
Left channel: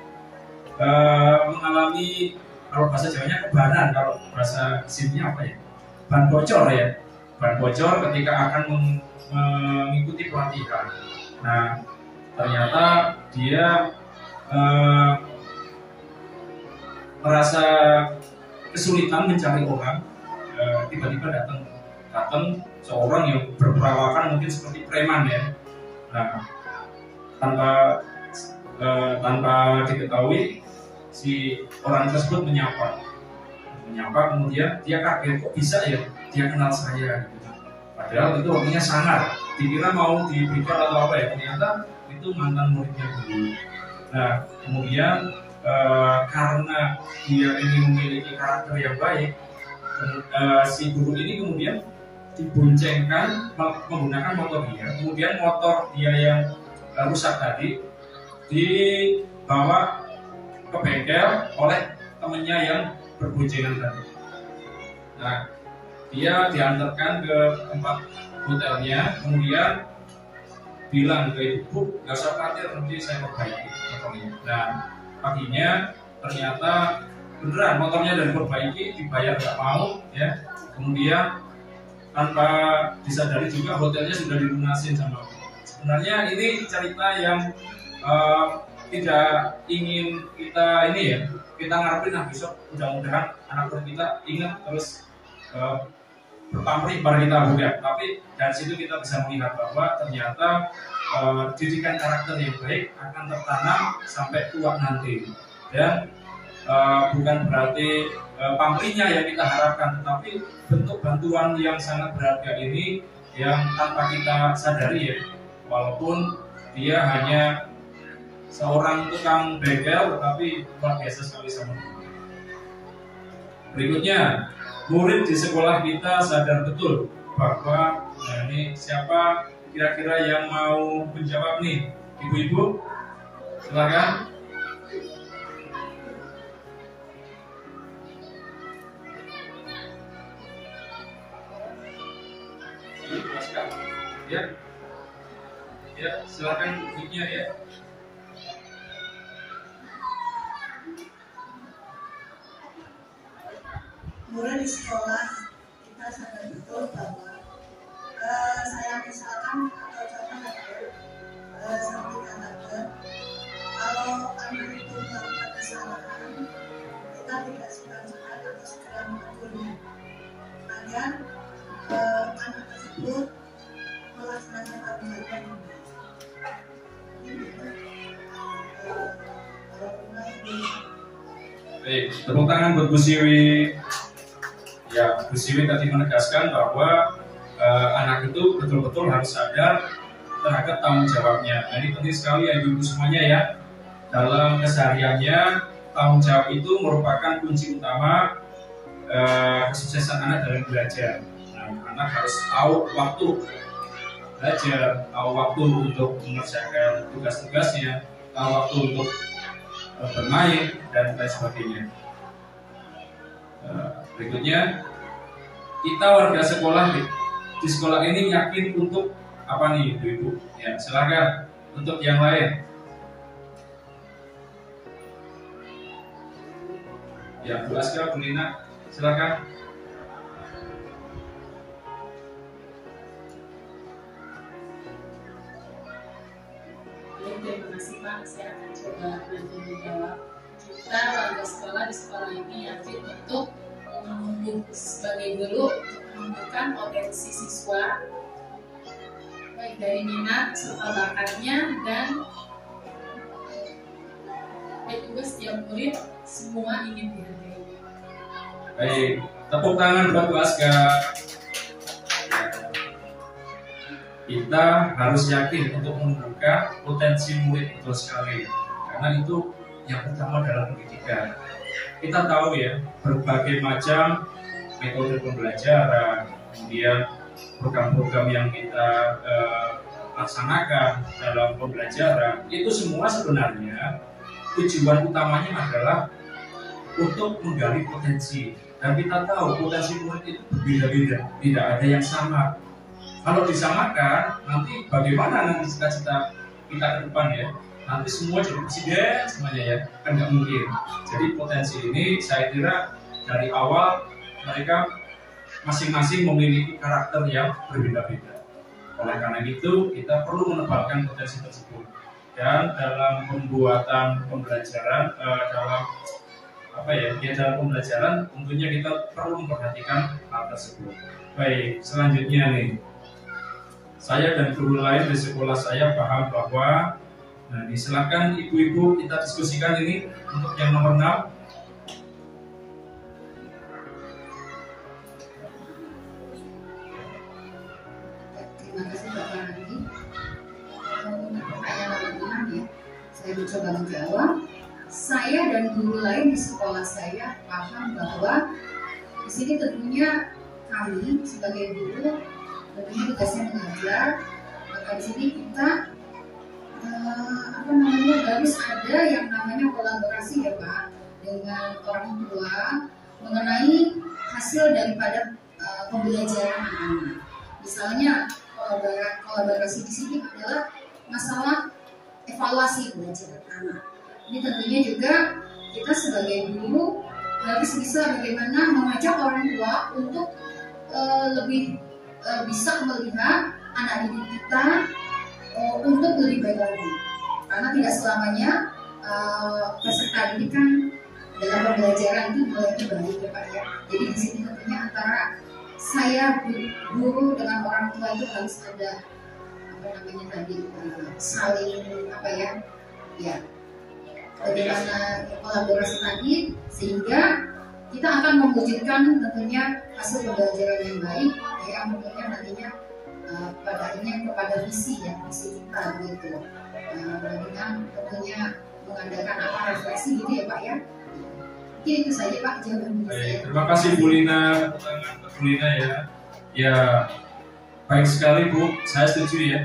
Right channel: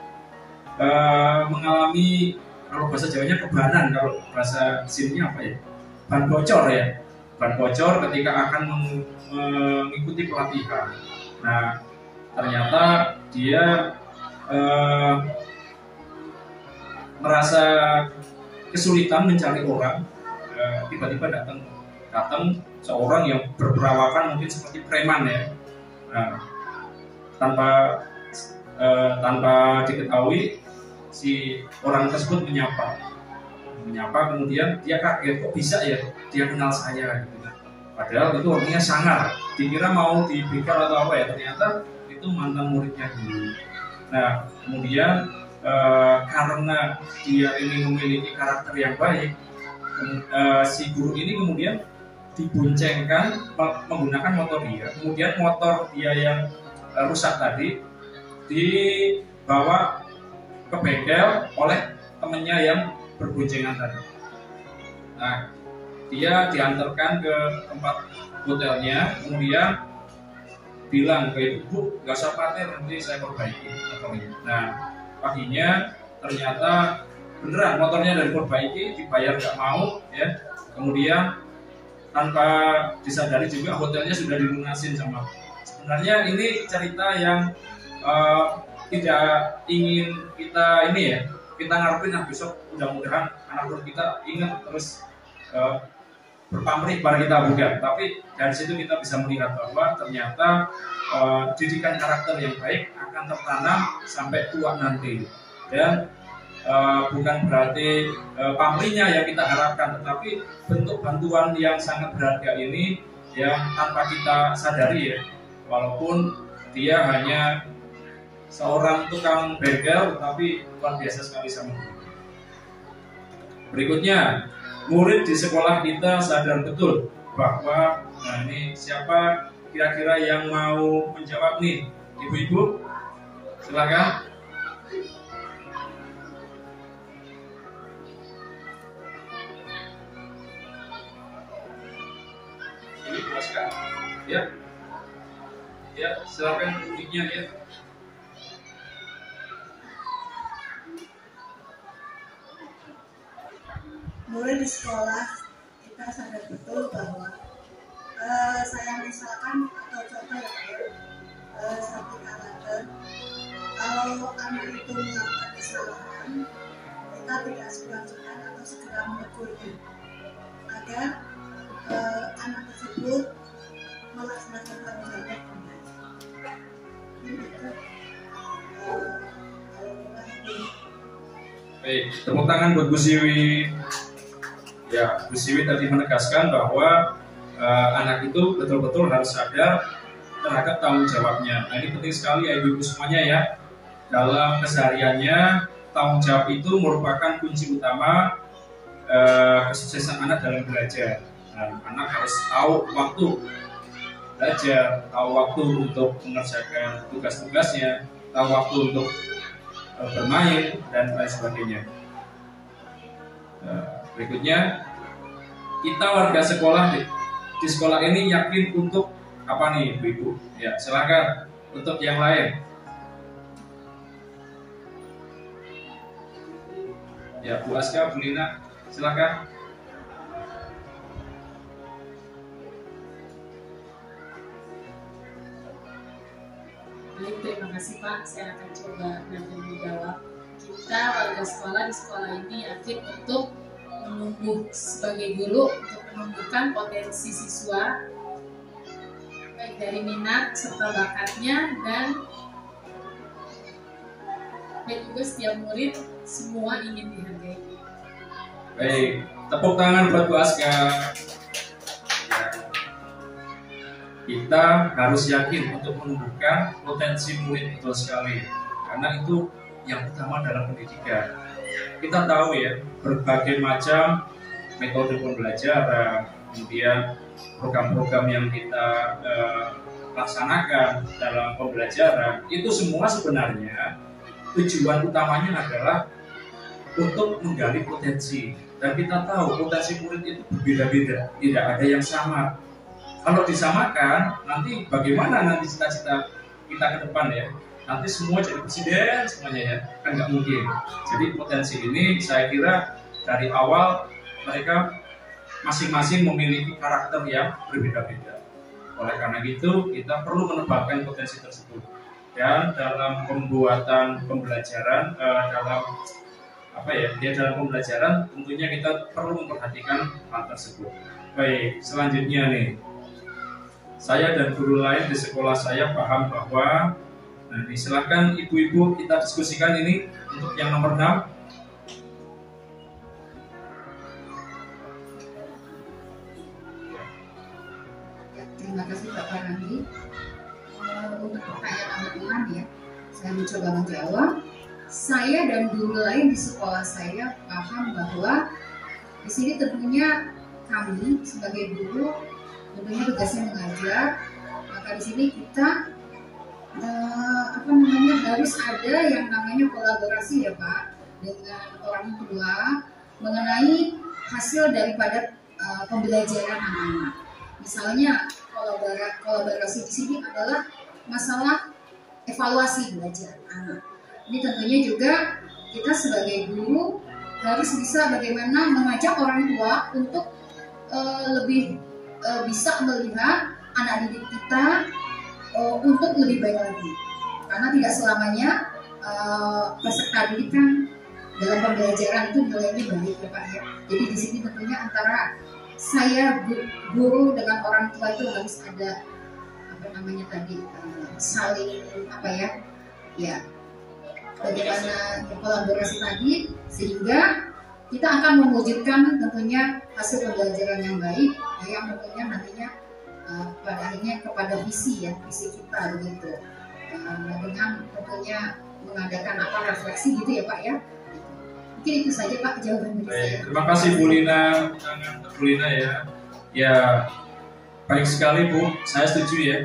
mengalami, kalau bahasa Jawanya kebanan, kalau bahasa sininya apa ya, ban bocor ya, ban bocor ketika akan mengikuti pelatihan. Nah ternyata dia merasa kesulitan mencari orang, tiba-tiba datang seorang yang berperawakan mungkin seperti preman ya. Nah, tanpa diketahui si orang tersebut menyapa, kemudian dia kaget, kok bisa ya dia kenal saya gitu. Padahal itu orangnya sangar, dikira mau diberikan atau apa ya, ternyata itu mantan muridnya dulu. Nah kemudian karena dia ini memiliki karakter yang baik, si guru ini kemudian diboncengkan menggunakan motor dia, kemudian motor dia yang rusak tadi dibawa ke bengkel oleh temannya yang berboncengan tadi. Nah dia diantarkan ke tempat hotelnya, kemudian bilang ke ibu, gak usah khawatir, nanti saya perbaiki motornya. Nah paginya ternyata beneran motornya dari perbaiki, dibayar gak mau ya. Kemudian tanpa disadari juga hotelnya sudah dilunasin sama. Sebenarnya ini cerita yang tidak ingin kita ini ya, kita ngarepin nah besok mudah-mudahan anak kita ingat terus berpamrih kepada kita, bukan. Tapi dari situ kita bisa melihat bahwa ternyata didikan karakter yang baik akan tertanam sampai tua nanti. Dan bukan berarti pamrihnya yang kita harapkan, tetapi bentuk bantuan yang sangat berharga ini yang tanpa kita sadari ya, walaupun dia hanya seorang tukang bengkel, tapi luar biasa sekali sama kita. Berikutnya, murid di sekolah kita sadar betul bahwa, nah ini siapa kira-kira yang mau menjawab nih, ibu-ibu? Silakan. Ya, silakan mic-nya ya. Murid di sekolah kita sadar betul bahwa saya misalkan atau contoh seperti karakter, kalau anak itu melakukan kesalahan, kita tidak sungkan-sungkan atau segera menegurnya agar anak tersebut melaksanakan tanggung jawabnya dengan baik. Baik, tepuk tangan buat Bu Siwi. Ya, Bu Siwi tadi menegaskan bahwa anak itu betul-betul harus sadar terhadap tanggung jawabnya. Nah, ini penting sekali ya ibu-ibu semuanya ya. Dalam kesehariannya, tanggung jawab itu merupakan kunci utama kesuksesan anak dalam belajar. Nah, anak harus tahu waktu belajar, tahu waktu untuk mengerjakan tugas-tugasnya, tahu waktu untuk bermain dan lain sebagainya. Berikutnya, kita warga sekolah di sekolah ini yakin untuk apa nih ibu-ibu? Ya, silakan untuk yang lain. Ya, Bu Aska, Bu Lina, silakan. Baik, terima kasih Pak. Saya akan coba nanti menjawab. Kita warga sekolah di sekolah ini yakin untuk menumbuh sebagai guru untuk menumbuhkan potensi siswa baik dari minat serta bakatnya dan juga setiap murid semua ingin dihargai. Baik, tepuk tangan buat Bu Aska. Kita harus yakin untuk menumbuhkan potensi murid betul sekali, karena itu yang utama dalam pendidikan. Kita tahu ya, berbagai macam metode pembelajaran, kemudian program-program yang kita laksanakan dalam pembelajaran, itu semua sebenarnya tujuan utamanya adalah untuk menggali potensi. Dan kita tahu potensi murid itu berbeda-beda, tidak ada yang sama. Kalau disamakan, nanti bagaimana nanti cita-cita kita ke depan ya? Nanti semua jadi presiden semuanya ya, kan nggak mungkin. Jadi potensi ini saya kira dari awal mereka masing-masing memiliki karakter yang berbeda-beda. Oleh karena itu kita perlu menebalkan potensi tersebut. Dan dalam pembuatan pembelajaran, dalam pembelajaran tentunya kita perlu memperhatikan hal tersebut. Baik, selanjutnya nih. Saya dan guru lain di sekolah saya paham bahwa, nah silakan ibu-ibu kita diskusikan ini untuk yang nomor 6. Terima kasih Bapak Randi. Untuk pertanyaan nomor 6 ya, saya mencoba menjawab. Saya dan guru lain di sekolah saya paham bahwa di sini tentunya kami sebagai guru tentunya tugasnya mengajar, maka di sini kita harus ada yang namanya kolaborasi ya Pak dengan orang tua mengenai hasil daripada pembelajaran anak-anak. Misalnya kolaborasi di sini adalah masalah evaluasi belajar anak. Ini tentunya juga kita sebagai guru harus bisa bagaimana mengajak orang tua untuk lebih bisa melihat anak didik kita untuk lebih baik lagi, karena tidak selamanya peserta didik kan dalam pembelajaran itu nilainya baik ya Pak ya. Jadi di sini tentunya antara saya guru dengan orang tua itu harus ada saling bagaimana kolaborasi tadi sehingga kita akan mewujudkan tentunya hasil pembelajaran yang baik yang tentunya nantinya pada akhirnya kepada visi kita begitu, dengan tentunya mengadakan refleksi gitu ya Pak ya. Mungkin itu saja Pak jawaban dari saya. Terima kasih Bu Lina, Bu Lina ya. Ya baik sekali Bu, saya setuju ya.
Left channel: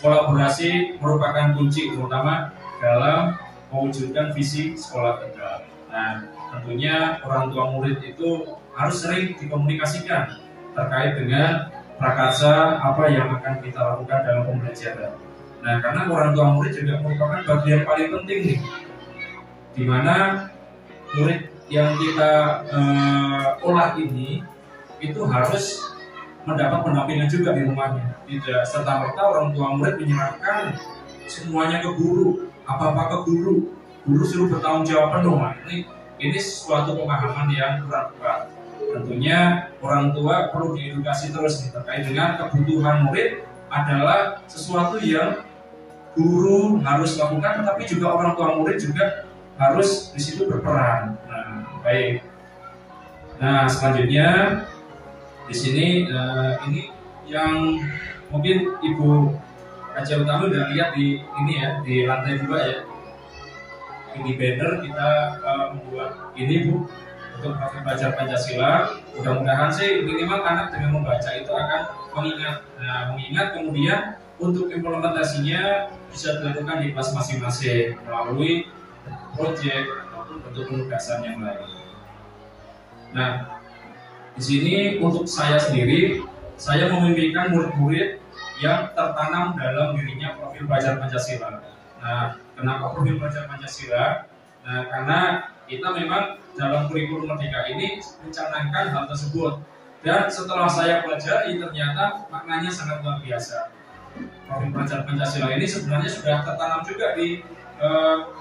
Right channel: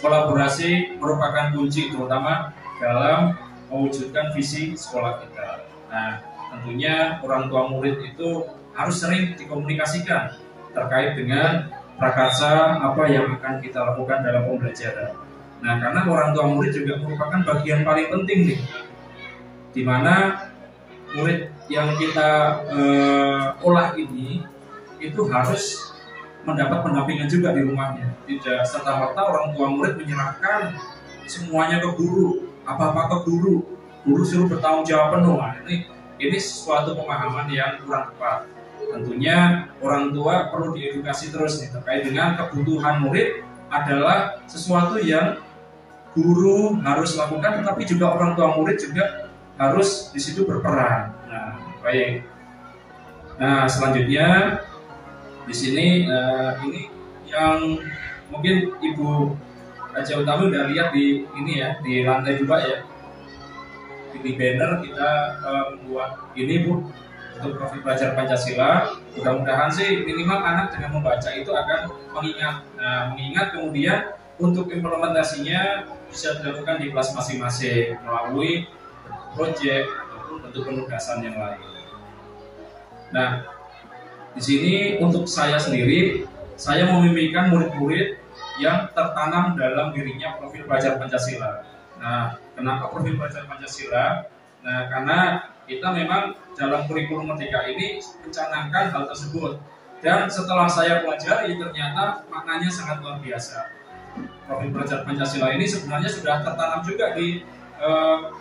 Kolaborasi merupakan kunci terutama dalam mewujudkan visi sekolah kita. Nah, tentunya orang tua murid itu harus sering dikomunikasikan terkait dengan prakarsa apa yang akan kita lakukan dalam pembelajaran. Nah, karena orang tua murid juga merupakan bagian paling penting nih, di mana murid yang kita olah ini itu harus mendapat pendampingan juga di rumahnya. Tidak serta-merta orang tua murid menyerahkan semuanya ke guru, apa-apa ke guru suruh bertanggung jawab penuh. Nah, ini suatu pemahaman yang kurang tepat. Tentunya orang tua perlu diedukasi terus nih, terkait dengan kebutuhan murid adalah sesuatu yang guru harus lakukan, tetapi juga orang tua murid juga harus di situ berperan. Nah, baik. Nah, selanjutnya di sini ini yang mungkin Ibu Raja Utami udah lihat di ini ya, di lantai 2 ya. Di banner kita membuat ini Bu untuk profil pelajar Pancasila. Mudah-mudahan sih minimal anak dengan membaca itu akan mengingat. Nah, mengingat kemudian untuk implementasinya bisa dilakukan di kelas masing-masing melalui proyek ataupun bentuk penugasan yang lain. Nah, di sini untuk saya sendiri, saya memimpikan murid-murid yang tertanam dalam dirinya profil pelajar Pancasila. Nah, kenapa profil pelajar Pancasila? Nah, karena kita memang dalam kurikulum Merdeka ini mencanangkan hal tersebut. Dan setelah saya pelajari, ternyata maknanya sangat luar biasa. Profil pelajar Pancasila ini sebenarnya sudah tertanam juga di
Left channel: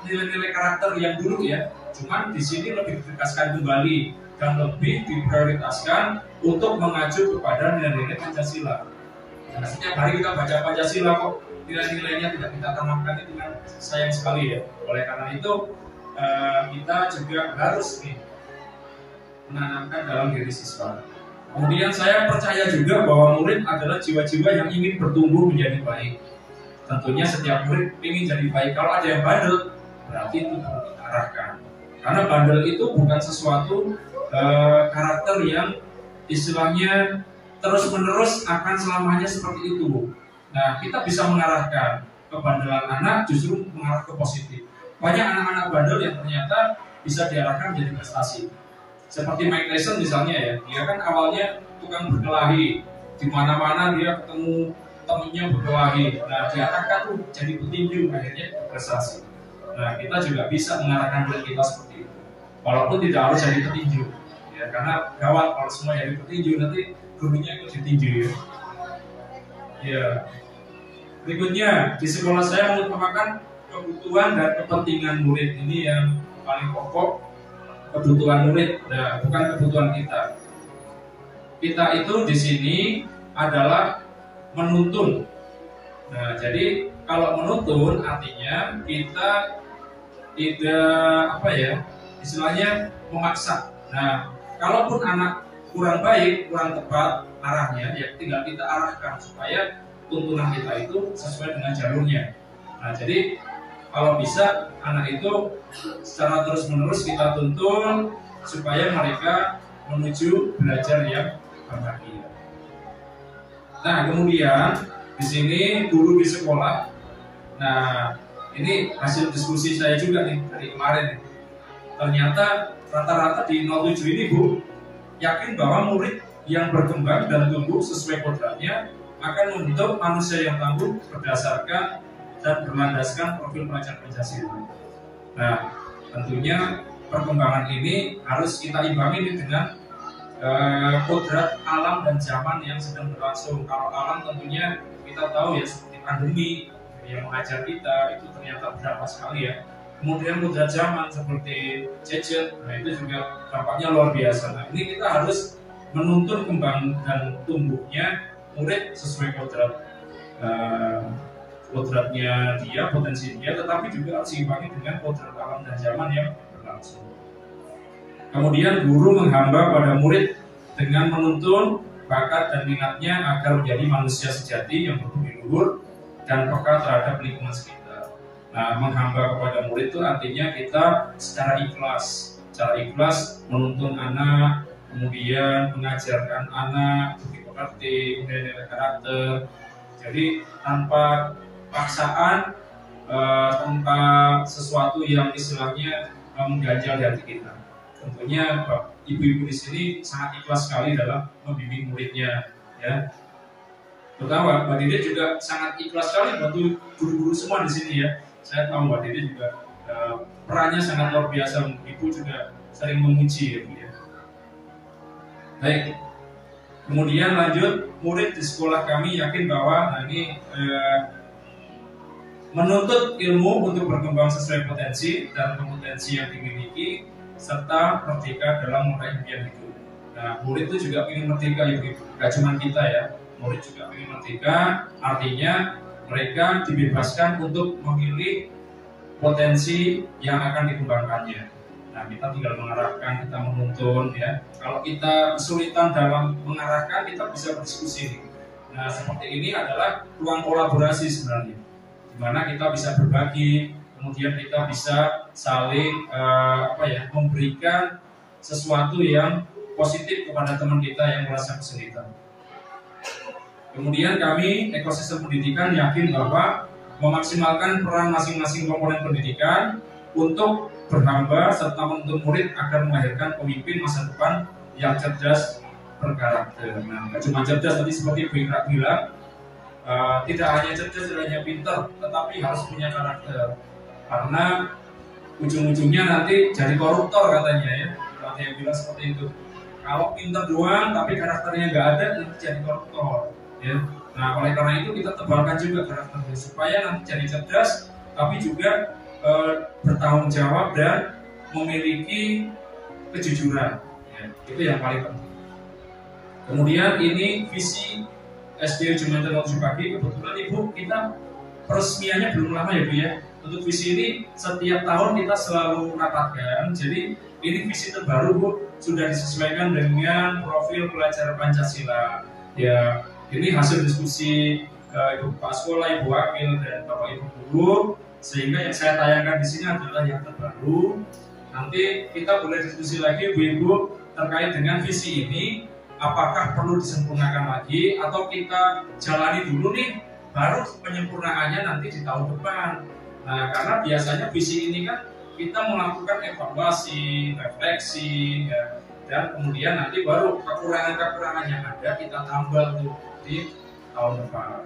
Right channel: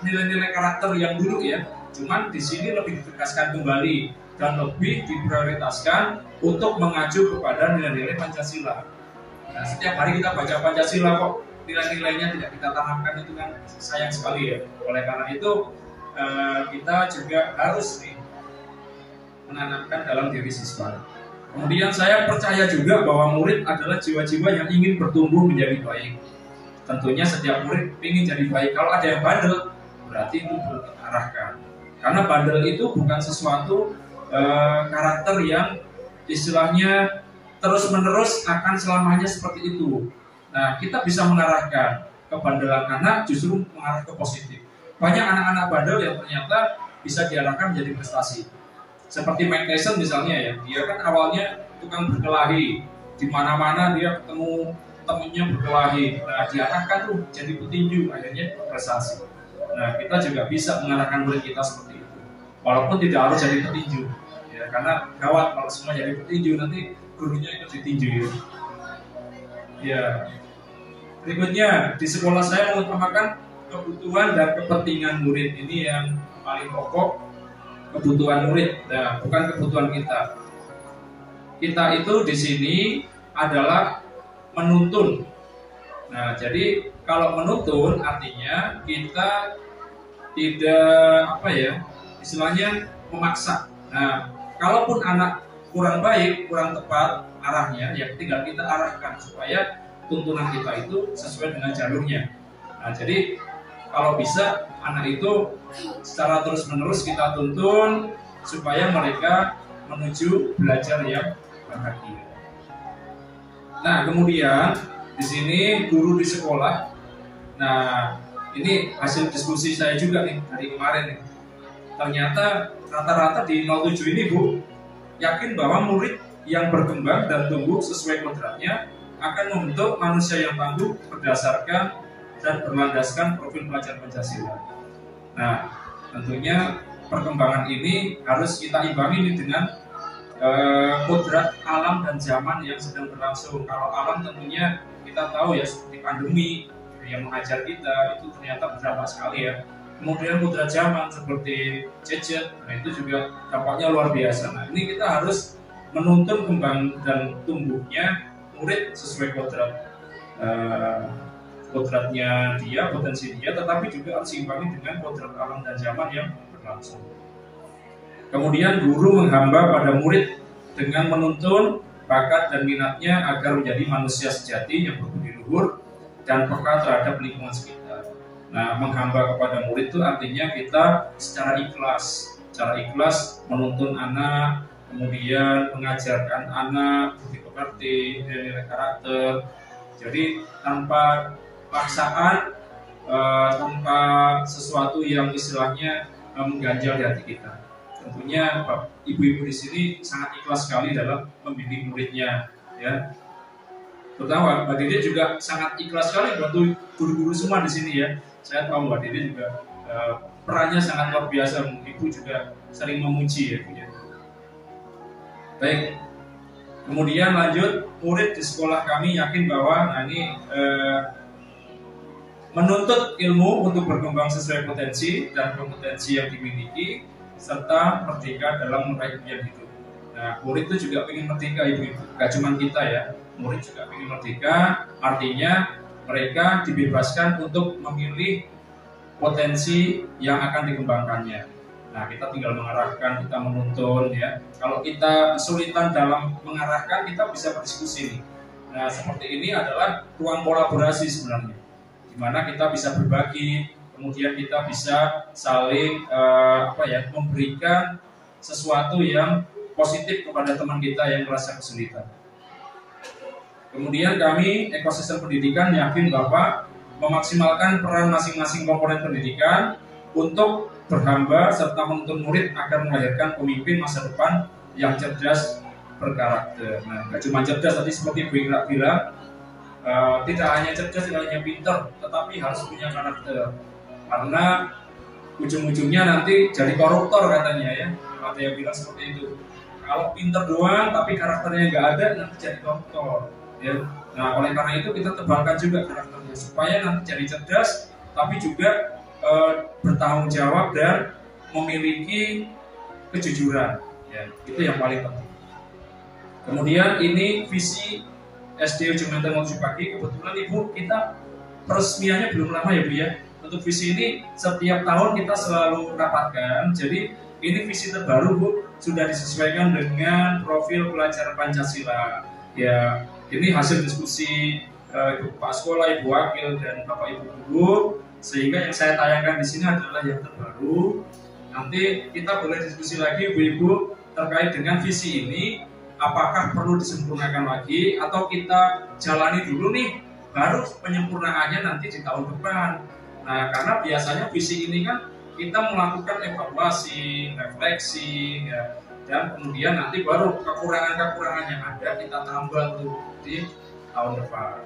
nilai-nilai karakter yang dulu ya. Cuman di sini lebih ditegaskan kembali dan lebih diprioritaskan untuk mengacu kepada nilai-nilai Pancasila. Nah, setiap hari kita baca Pancasila kok nilai-nilainya tidak kita tanamkan, itu kan sayang sekali ya. Oleh karena itu kita juga harus nih menanamkan dalam diri siswa. Kemudian saya percaya juga bahwa murid adalah jiwa-jiwa yang ingin bertumbuh menjadi baik. Tentunya setiap murid ingin jadi baik. Kalau ada yang bandel, berarti itu perlu kita arahkan. Karena bandel itu bukan sesuatu karakter yang istilahnya terus-menerus akan selamanya seperti itu. Nah, kita bisa mengarahkan kebandelan anak justru mengarah ke positif. Banyak anak-anak bandel yang ternyata bisa diarahkan menjadi prestasi. Seperti Mike Tyson misalnya ya, dia kan awalnya tukang berkelahi, di mana-mana dia ketemu temennya berkelahi. Nah, diarahkan tuh jadi petinju, akhirnya berprestasi. Nah, kita juga bisa mengarahkan murid kita seperti itu, walaupun tidak harus jadi petinju. Ya, karena gawat kalau semua jadi petinju, nanti gurunya ikut ditinju ya. Ya. Berikutnya, di sekolah saya mengutamakan kebutuhan dan kepentingan murid. Ini yang paling pokok, kebutuhan murid, nah, bukan kebutuhan kita. Kita itu di sini adalah menuntun. Nah, jadi kalau menuntun artinya kita tidak istilahnya memaksa. Nah, kalaupun anak kurang baik, kurang tepat arahnya, ya tinggal kita arahkan supaya tuntunan kita itu sesuai dengan jalurnya. Nah, jadi kalau bisa anak itu secara terus-menerus kita tuntun supaya mereka menuju belajar yang berbahagia. Nah, kemudian di sini guru di sekolah. Nah, ini hasil diskusi saya juga nih dari kemarin nih. Ternyata rata-rata di 07 ini Bu yakin bahwa murid yang berkembang dan tumbuh sesuai kodratnya akan membentuk manusia yang tangguh berdasarkan dan berlandaskan profil pelajar Pancasila. Nah, tentunya perkembangan ini harus kita imbangi dengan kodrat alam dan zaman yang sedang berlangsung. Kalau alam tentunya kita tahu ya, seperti pandemi yang mengajar kita itu ternyata berdampak sekali ya. Kemudian kodrat zaman seperti gadget, nah itu juga dampaknya luar biasa. Nah, ini kita harus menuntun kembang dan tumbuhnya murid sesuai kodratnya dia, potensi dia, tetapi juga harus diimbangi dengan kodrat alam dan zaman yang berlangsung. Kemudian guru menghamba pada murid dengan menuntun bakat dan minatnya agar menjadi manusia sejati yang berbudi luhur dan peka terhadap lingkungan sekitar. Nah, menghamba kepada murid itu artinya kita secara ikhlas menuntun anak, kemudian mengajarkan anak budi pekerti, nilai-nilai karakter. Jadi tanpa paksaan, tanpa sesuatu yang istilahnya mengganjal di hati kita. Tentunya ibu-ibu di sini sangat ikhlas sekali dalam membimbing muridnya, ya. Terutama Mbak Dede juga sangat ikhlas sekali bantu guru-guru semua di sini ya. Saya tahu Mbak Dede juga perannya sangat luar biasa. Ibu juga saling memuji ya Bu ya. Baik, kemudian lanjut, murid di sekolah kami yakin bahwa menuntut ilmu untuk berkembang sesuai potensi dan kompetensi yang dimiliki serta merdeka dalam meraih impian hidup. Nah, murid itu juga ingin merdeka ibu-ibu, gak cuma kita ya, murid juga ingin merdeka, artinya mereka dibebaskan untuk memilih potensi yang akan dikembangkannya. Nah, kita tinggal mengarahkan, kita menuntun ya. Kalau kita kesulitan dalam mengarahkan, kita bisa berdiskusi nih. Nah, seperti ini adalah ruang kolaborasi sebenarnya, di mana kita bisa berbagi, kemudian kita bisa saling memberikan sesuatu yang positif kepada teman kita yang merasa kesulitan. Kemudian kami ekosistem pendidikan yakin bahwa memaksimalkan peran masing-masing komponen pendidikan untuk berhamba serta menuntun murid agar melahirkan pemimpin masa depan yang cerdas berkarakter. Nah, gak cuma cerdas tadi seperti Bu Ikra bilang, tidak hanya cerdas, tidak hanya pinter, tetapi harus punya karakter. Karena ujung-ujungnya nanti jadi koruptor katanya ya. Ada yang bilang seperti itu. Kalau pinter doang tapi karakternya nggak ada, nanti jadi koruptor. Ya. Nah, oleh karena itu kita tebalkan juga karakternya supaya nanti jadi cerdas, tapi juga bertanggung jawab dan memiliki kejujuran. Ya, itu yang paling penting. Kemudian ini visi SD Ujung Menteng 07 Pagi. Kebetulan Ibu kita peresmiannya belum lama ya Bu ya. Untuk visi ini setiap tahun kita selalu rapatkan. Jadi ini visi terbaru Bu, sudah disesuaikan dengan profil pelajar Pancasila. Ya, ini hasil diskusi Ibu Pak Sekolah, Ibu Wakil, dan Bapak Ibu Guru. Sehingga yang saya tayangkan di sini adalah yang terbaru. Nanti kita boleh diskusi lagi Ibu-Ibu terkait dengan visi ini. Apakah perlu disempurnakan lagi atau kita jalani dulu nih, baru penyempurnaannya nanti di tahun depan. Nah, karena biasanya visi ini kan kita melakukan evaluasi, refleksi, ya, dan kemudian nanti baru kekurangan-kekurangan yang ada kita tambah tuh di tahun depan.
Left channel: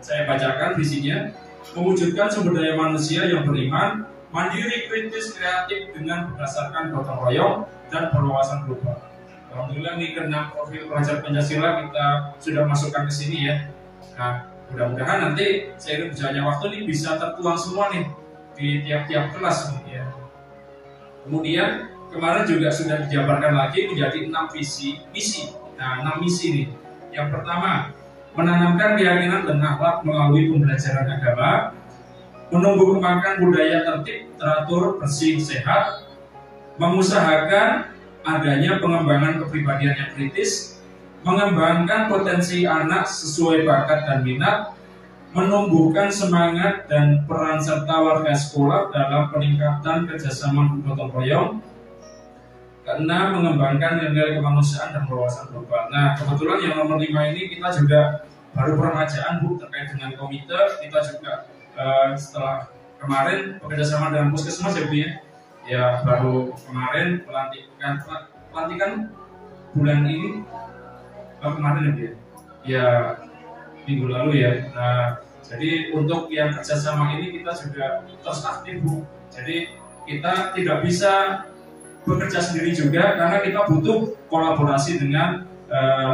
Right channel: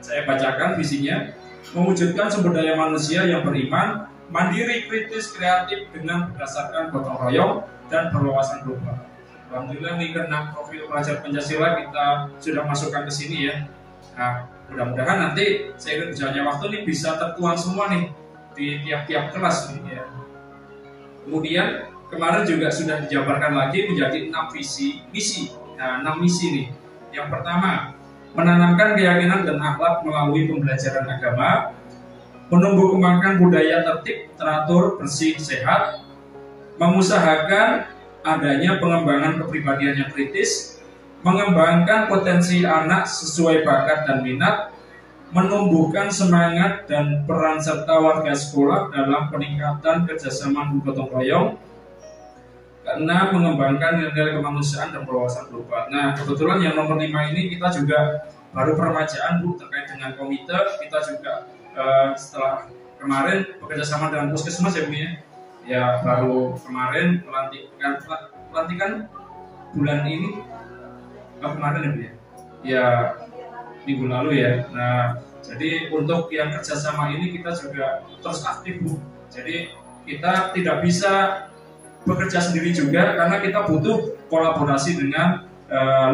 Saya bacakan visinya: mewujudkan sumber daya manusia yang beriman, mandiri, kritis, kreatif dengan berdasarkan gotong royong dan berwawasan global. Alhamdulillah nih ke-6 profil pelajar Pancasila kita sudah masukkan ke sini ya. Nah, mudah-mudahan nanti seiring berjalannya waktu nih bisa tertuang semua nih di tiap-tiap kelas nih ya. Kemudian kemarin juga sudah dijabarkan lagi menjadi 6 misi. Nah, 6 misi nih. Yang pertama, menanamkan keyakinan dan akhlak melalui pembelajaran agama, menumbuh kembangkan budaya tertib, teratur, bersih, sehat, mengusahakan adanya pengembangan kepribadian yang kritis, mengembangkan potensi anak sesuai bakat dan minat, menumbuhkan semangat dan peran serta warga sekolah dalam peningkatan kerjasama gotong royong, karena mengembangkan nilai kemanusiaan dan berwawasan global. Nah, kebetulan yang nomor 5 ini kita juga baru peremajaan Bu terkait dengan komite. Kita juga setelah kemarin bekerjasama dengan Puskesmas ya Bu ya. Ya, baru kemarin pelantikan bulan ini kemarin ya Bu ya. Ya, minggu lalu ya. Nah, jadi untuk yang kerjasama ini kita juga terus aktif Bu. Jadi kita tidak bisa bekerja sendiri juga karena kita butuh kolaborasi dengan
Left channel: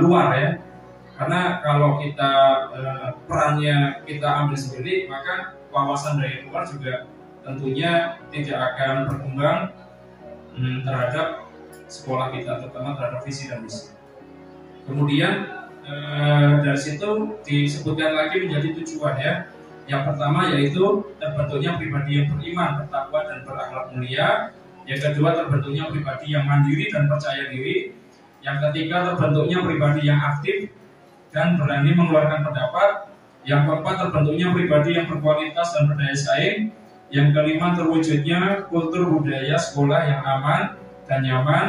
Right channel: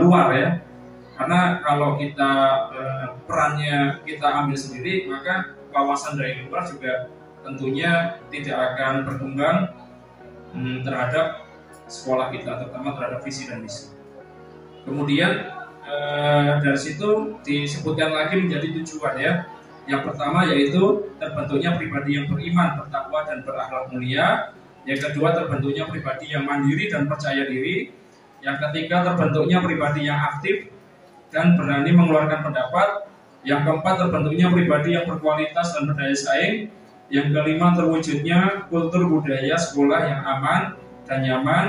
luar ya. Karena kalau kita perannya kita ambil sendiri, maka wawasan dari luar juga tentunya tidak akan berkembang terhadap sekolah kita, terutama terhadap visi dan misi. Kemudian dari situ disebutkan lagi menjadi tujuan ya. Yang pertama yaitu terbentuknya pribadi yang beriman, bertakwa dan berakhlak mulia. Yang kedua terbentuknya pribadi yang mandiri dan percaya diri. Yang ketiga terbentuknya pribadi yang aktif dan berani mengeluarkan pendapat. Yang keempat terbentuknya pribadi yang berkualitas dan berdaya saing. Yang kelima terwujudnya kultur budaya sekolah yang aman dan nyaman.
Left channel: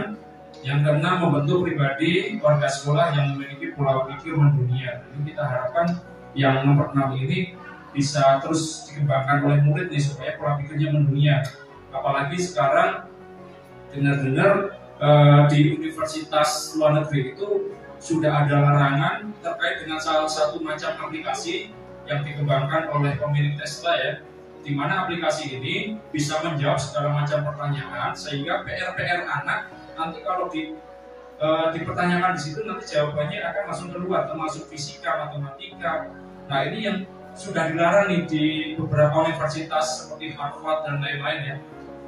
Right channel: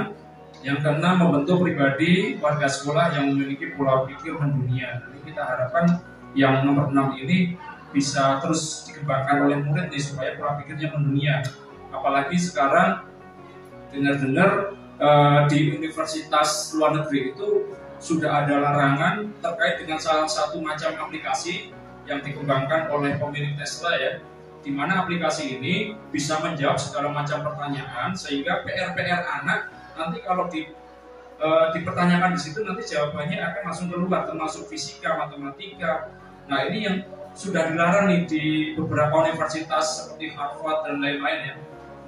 Yang keenam membentuk pribadi warga sekolah yang memiliki pola pikir mendunia. Jadi kita harapkan yang nomor 6 ini bisa terus dikembangkan oleh murid nih supaya pola pikirnya mendunia. Apalagi sekarang dengar-dengar di universitas luar negeri itu sudah ada larangan terkait dengan salah satu macam aplikasi yang dikembangkan oleh pemilik Tesla ya. di mana aplikasi ini bisa menjawab segala macam pertanyaan, sehingga PR-PR anak nanti kalau dipertanyakan di situ nanti jawabannya akan langsung keluar, termasuk fisika, matematika. Nah ini yang sudah dilarang nih di beberapa universitas seperti Harvard dan lain-lain ya.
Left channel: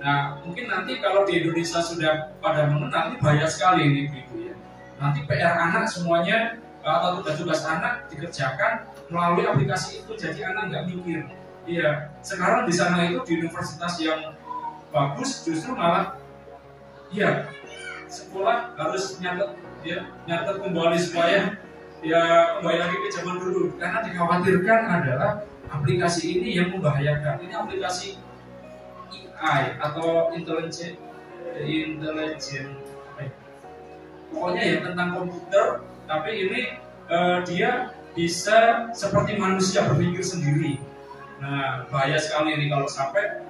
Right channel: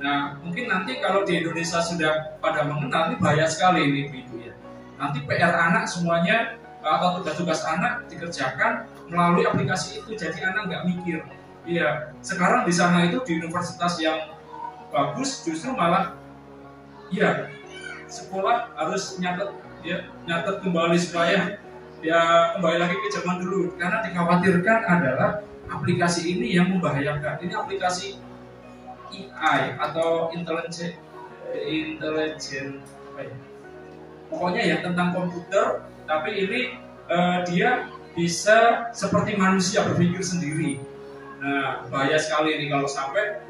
Nah mungkin nanti kalau di Indonesia sudah pada mengenal, ini bahaya sekali ini Ibu ya. Nanti PR anak semuanya atau tugas-tugas anak dikerjakan melalui aplikasi itu, jadi anak nggak mikir. Iya, sekarang di sana itu di universitas yang bagus justru malah ya sekolah harus nyatet kembali supaya ya kembali lagi ke zaman dulu, karena dikhawatirkan adalah aplikasi ini yang membahayakan. Ini aplikasi AI atau intelligent pokoknya ya tentang komputer, tapi ini dia bisa seperti manusia berpikir sendiri. Nah bahaya sekali ini kalau sampai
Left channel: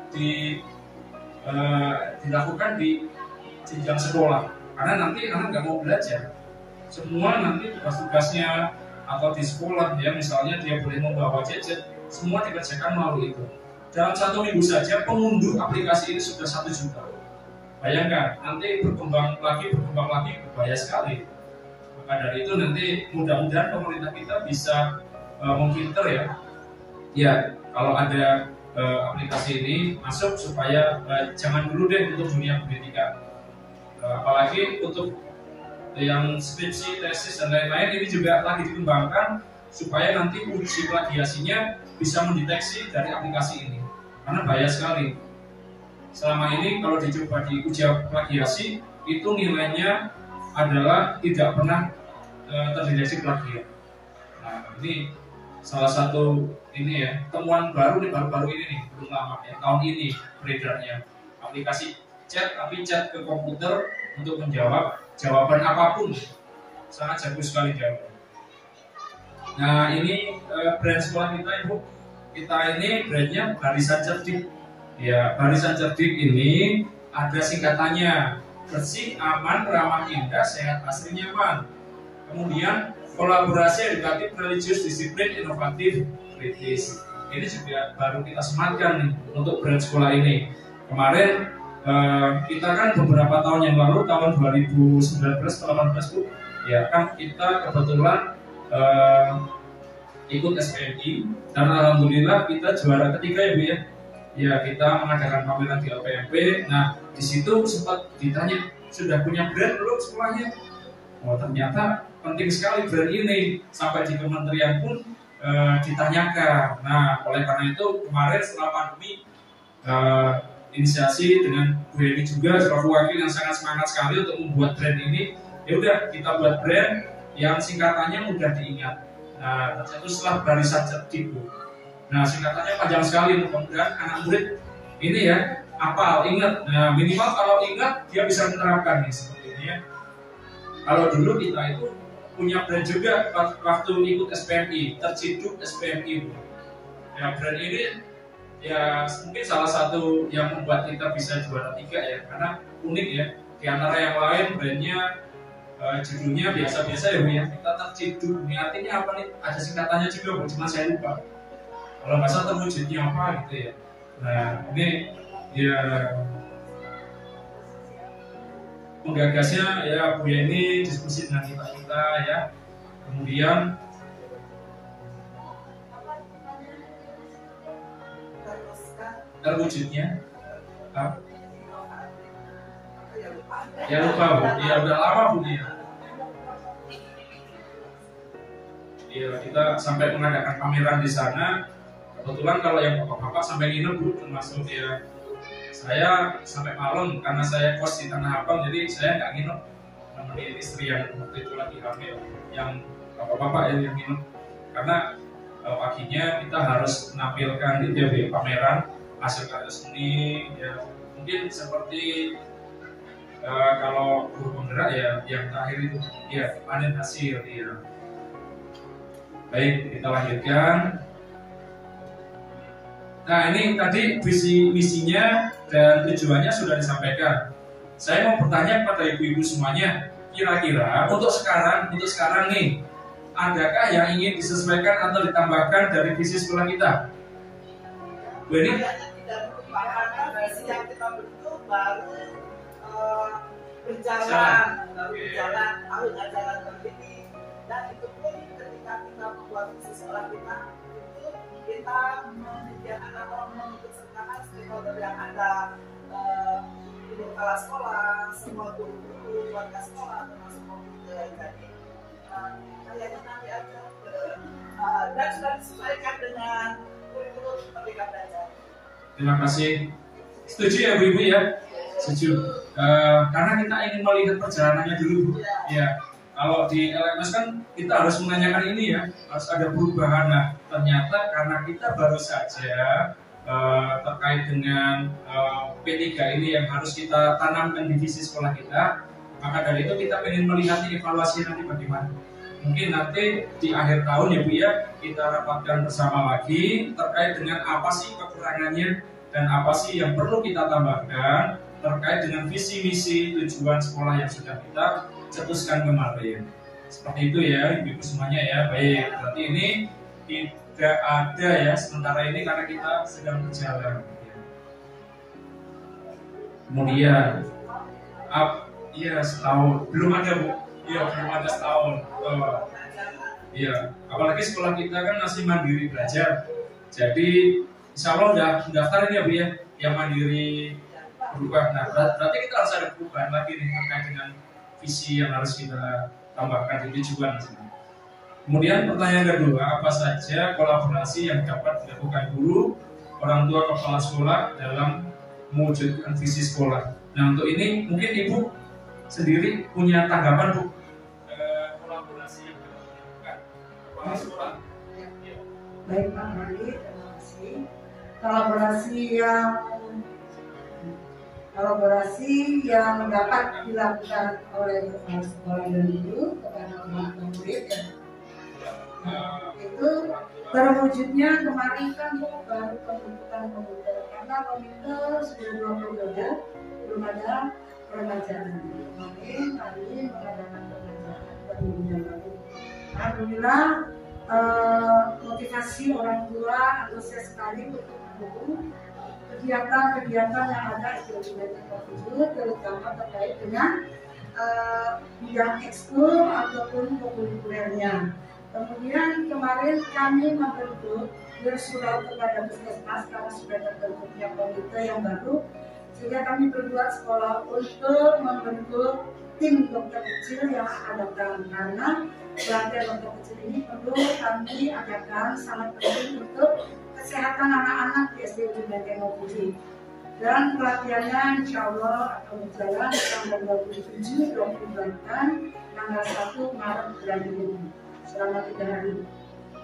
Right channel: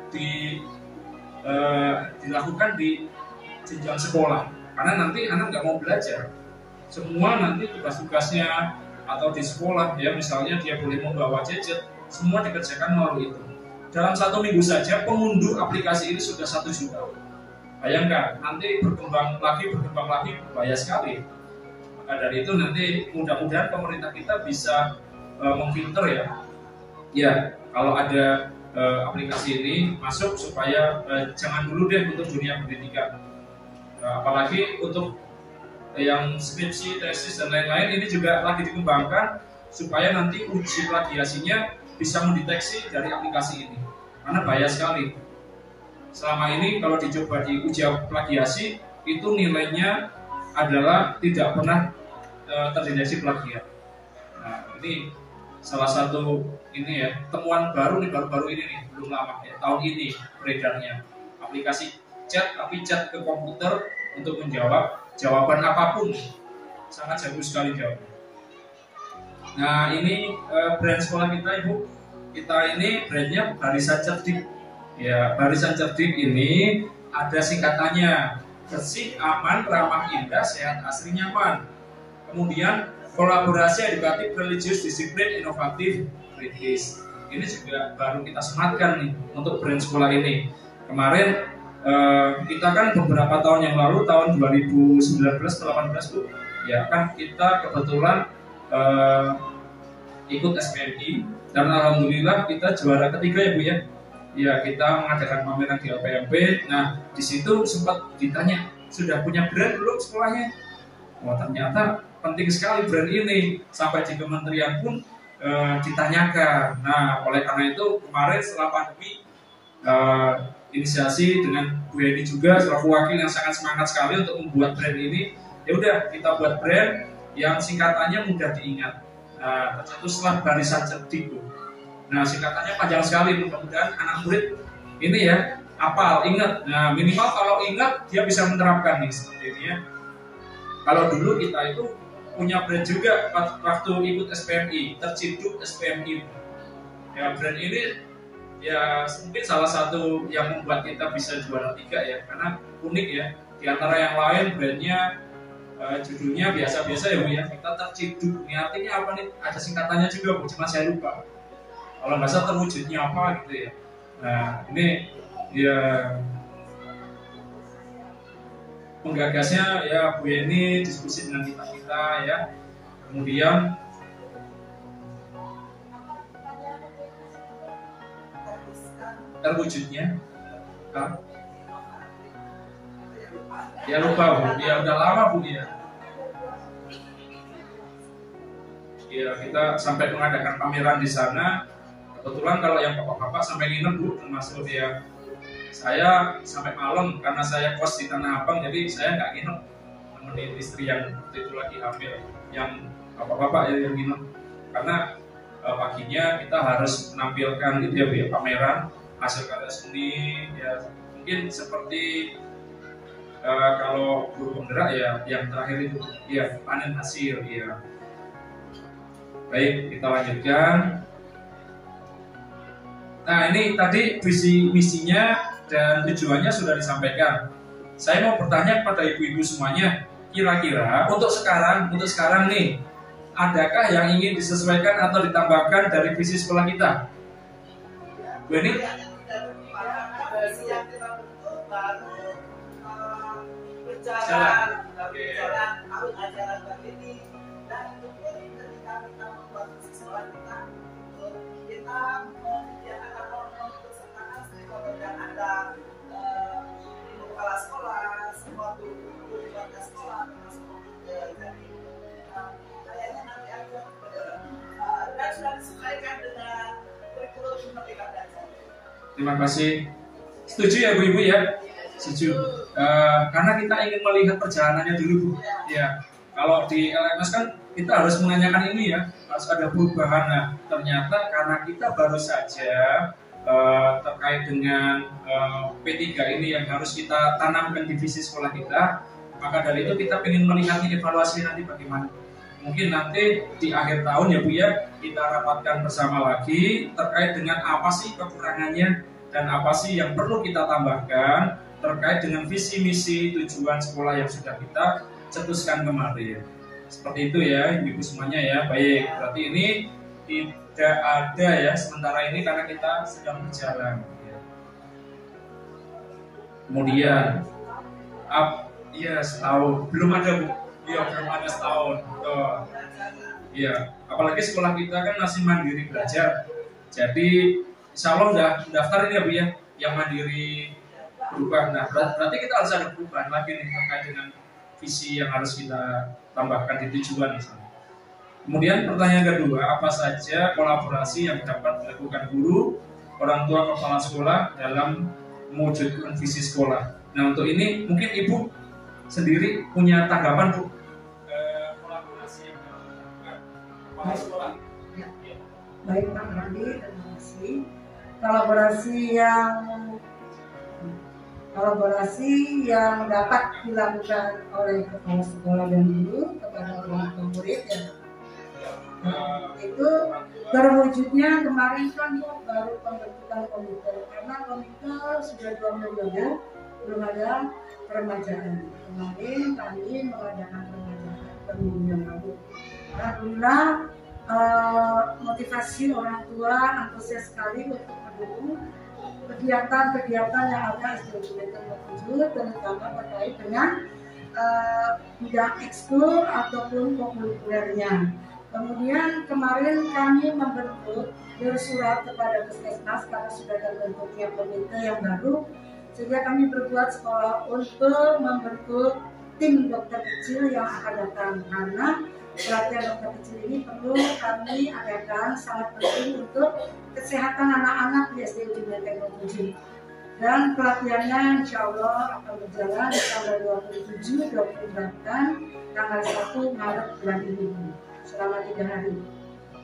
dilakukan di jenjang sekolah, karena nanti anak nggak mau belajar. Semua nanti tugas-tugasnya atau di sekolah ya misalnya dia boleh membawa gadget, semua dikerjakan melalui itu. Dalam 1 minggu saja pengunduh aplikasi ini sudah 1 juta. Bayangkan nanti berkembang lagi bahaya sekali. Maka dari itu nanti mudah-mudahan pemerintah kita bisa memfilter ya. Ya kalau ada aplikasi ini masuk supaya jangan dulu deh untuk dunia pendidikan. Apalagi untuk yang skripsi, tesis dan lain-lain ini juga lagi dikembangkan supaya nanti uji plagiasinya bisa mendeteksi dari aplikasi ini, karena bahaya sekali. Selama ini kalau dicoba di uji plagiasi itu nilainya adalah tidak pernah terdeteksi plagiat. Nah ini salah satu ini ya temuan baru nih, baru-baru ini nih, belum lama ya, tahun ini beredarnya aplikasi chat, tapi chat ke komputer untuk menjawab jawaban apapun, sangat jago sekali jawabnya. Nah ini brand sekolah kita Ibu, kita ini brandnya Barisan Cerdik. Ya Barisan Cerdik ini ada singkatannya, bersih, aman, ramah, indah, sehat, asri, nyaman. Kemudian kolaborasi edukatif, religius, disiplin, inovatif, kritis. Ini juga baru kita sematkan nih untuk brand sekolah ini. Kemarin kita kan beberapa tahun yang lalu, tahun 2019-18 Bu, ya kan kita kebetulan ikut SPMI dan alhamdulillah kita juara ketiga ya Bu ya. Ya kita mengadakan pameran di LPMP. Nah di situ sempat ditanya, sudah punya brand belum sekolahnya? Wah ternyata penting sekali brand ini, sampai di kementerian pun ditanyakan. Nah oleh karena itu kemarin setelah pandemi inisiasi dengan Bu Eni juga selaku wakil yang sangat semangat sekali untuk membuat brand ini. Ya udah kita buat brand yang singkatannya mudah diingat. Nah, tercetuslah Barisan Cerdik Bu. Nah singkatannya panjang sekali, mudah-mudahan anak murid ini ya hafal, ingat. Nah minimal kalau ingat dia bisa menerapkan nih seperti ini ya. Kalau dulu kita itu punya brand juga waktu ikut SPMI, Terciduk SPMI. Ya brand ini ya mungkin salah satu yang membuat kita bisa juara 3 ya, karena unik ya. Di antara yang lain brandnya judulnya biasa-biasa ya Bu ya. Kita Terciduk, ini artinya apa nih? Ada singkatannya juga Bu, cuma saya lupa. Kalau nggak salah terwujudnya apa gitu ya. Nah ini ya penggagasnya ya Bu Yeni diskusi dengan kita ya. Kemudian terwujudnya ya lupa Bu, ya udah lama Bu ya. Ya kita sampai mengadakan pameran di sana. Kebetulan kalau yang bapak-bapak sampai nginep Bu, termasuk ya saya sampai malam karena saya kos di Tanah Abang, jadi saya nggak nginep, nemenin istri yang waktu itu lagi hamil, yang bapak-bapak yang nginep, karena paginya kita harus menampilkan itu ya pameran hasil karya seni ya, mungkin seperti kalau guru penggerak ya yang terakhir itu ya panen hasil ya. Baik, kita lanjutkan. Nah ini tadi visi misinya dan tujuannya sudah disampaikan. Saya mau bertanya kepada ibu-ibu semuanya, kira-kira untuk sekarang nih, adakah yang ingin disesuaikan atau ditambahkan dari visi sekolah kita? Bu ini karena visi yang kita bentuk baru berjalan tahun ajaran ini, dan itu pun ketika kita membuat visi sekolah kita itu kita menyediakan atau mengikut sertakan stakeholder yang ada di kepala sekolah, semua guru warga sekolah termasuk komite. Jadi kayaknya nanti aja dan sudah disesuaikan dengan kurikulum Merdeka Belajar. Terima kasih. Setuju ya Bu Ibu ya? Setuju. Karena kita ingin melihat perjalanannya dulu Bu. Ya. Kalau di LMS kan kita harus menanyakan ini ya, harus ada perubahan. Nah, ternyata karena kita baru saja terkait dengan P3 ini yang harus kita tanamkan di visi sekolah kita, maka dari itu kita ingin melihat evaluasi nanti bagaimana. Mungkin nanti di akhir tahun ya Bu ya, kita rapatkan bersama lagi terkait dengan apa sih kekurangannya dan apa sih yang perlu kita tambahkan terkait dengan visi misi tujuan sekolah yang sudah kita cetuskan kemarin. Seperti itu ya Ibu semuanya ya. Baik, berarti ini tidak ada ya sementara ini karena kita sedang berjalan. Kemudian iya setahun belum ada Bu. Iya belum ada setahun. Iya, apalagi sekolah kita kan masih mandiri belajar. Jadi insya Allah udah daftar ini ya Bu ya, yang mandiri berubah. Nah berarti kita harus ada perubahan lagi nih terkait dengan visi yang harus kita tambahkan di tujuan di sini. Kemudian pertanyaan kedua, apa saja kolaborasi yang dapat dilakukan guru, orang tua, kepala sekolah dalam mewujudkan visi sekolah. Nah untuk ini mungkin Ibu sendiri punya tanggapan Bu, kolaborasi yang dapat dilakukan kepala sekolah. Ya. Baik Pak Randi, terima kasih. Kolaborasi yang dapat dilakukan oleh kepala sekolah dan guru kepada murid ya. Itu berwujudnya kemarin kan baru pembentukan komite, karena komite sudah 2 periode belum ada peremajaan. Kemarin kami mengadakan peremajaan minggu yang lalu. Alhamdulillah motivasi orang tua antusias sekali untuk mendukung kegiatan-kegiatan yang ada SD Jumatan 27, terutama terkait dengan bidang ekskul ataupun kokurikulernya. Kemudian kemarin kami membentuk bersurat kepada Puskesmas karena sudah terbentuknya komite yang baru, sehingga kami berbuat sekolah untuk membentuk tim dokter kecil yang akan datang, karena pelatihan dokter kecil ini perlu kami adakan, sangat penting untuk kesehatan anak-anak di SD Ujung Menteng 07. Dan pelatihannya insya Allah akan berjalan tanggal 27, 28, tanggal 1 Maret bulan ini selama 3 hari.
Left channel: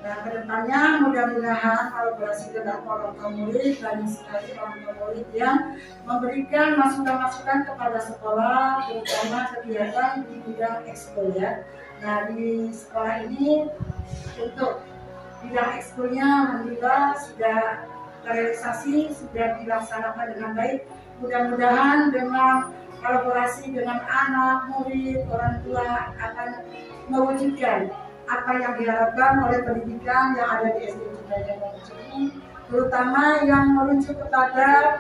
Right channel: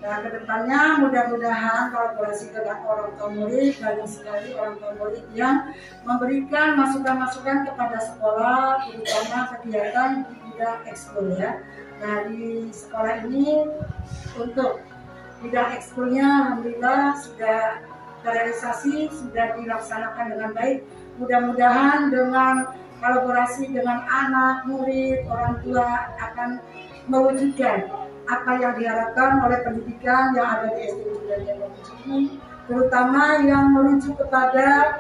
Nah kedepannya mudah-mudahan kolaborasi dengan orang tua murid, banyak sekali orang tua murid yang memberikan masukan-masukan kepada sekolah, terutama kegiatan di bidang ekskul ya. Nah di sekolah ini untuk bidang ekskulnya alhamdulillah sudah terrealisasi, sudah dilaksanakan dengan baik. Mudah-mudahan dengan kolaborasi dengan anak, murid, orang tua akan mewujudkan apa yang diharapkan oleh pendidikan yang ada di SD Ujung Menteng ini, terutama yang merujuk kepada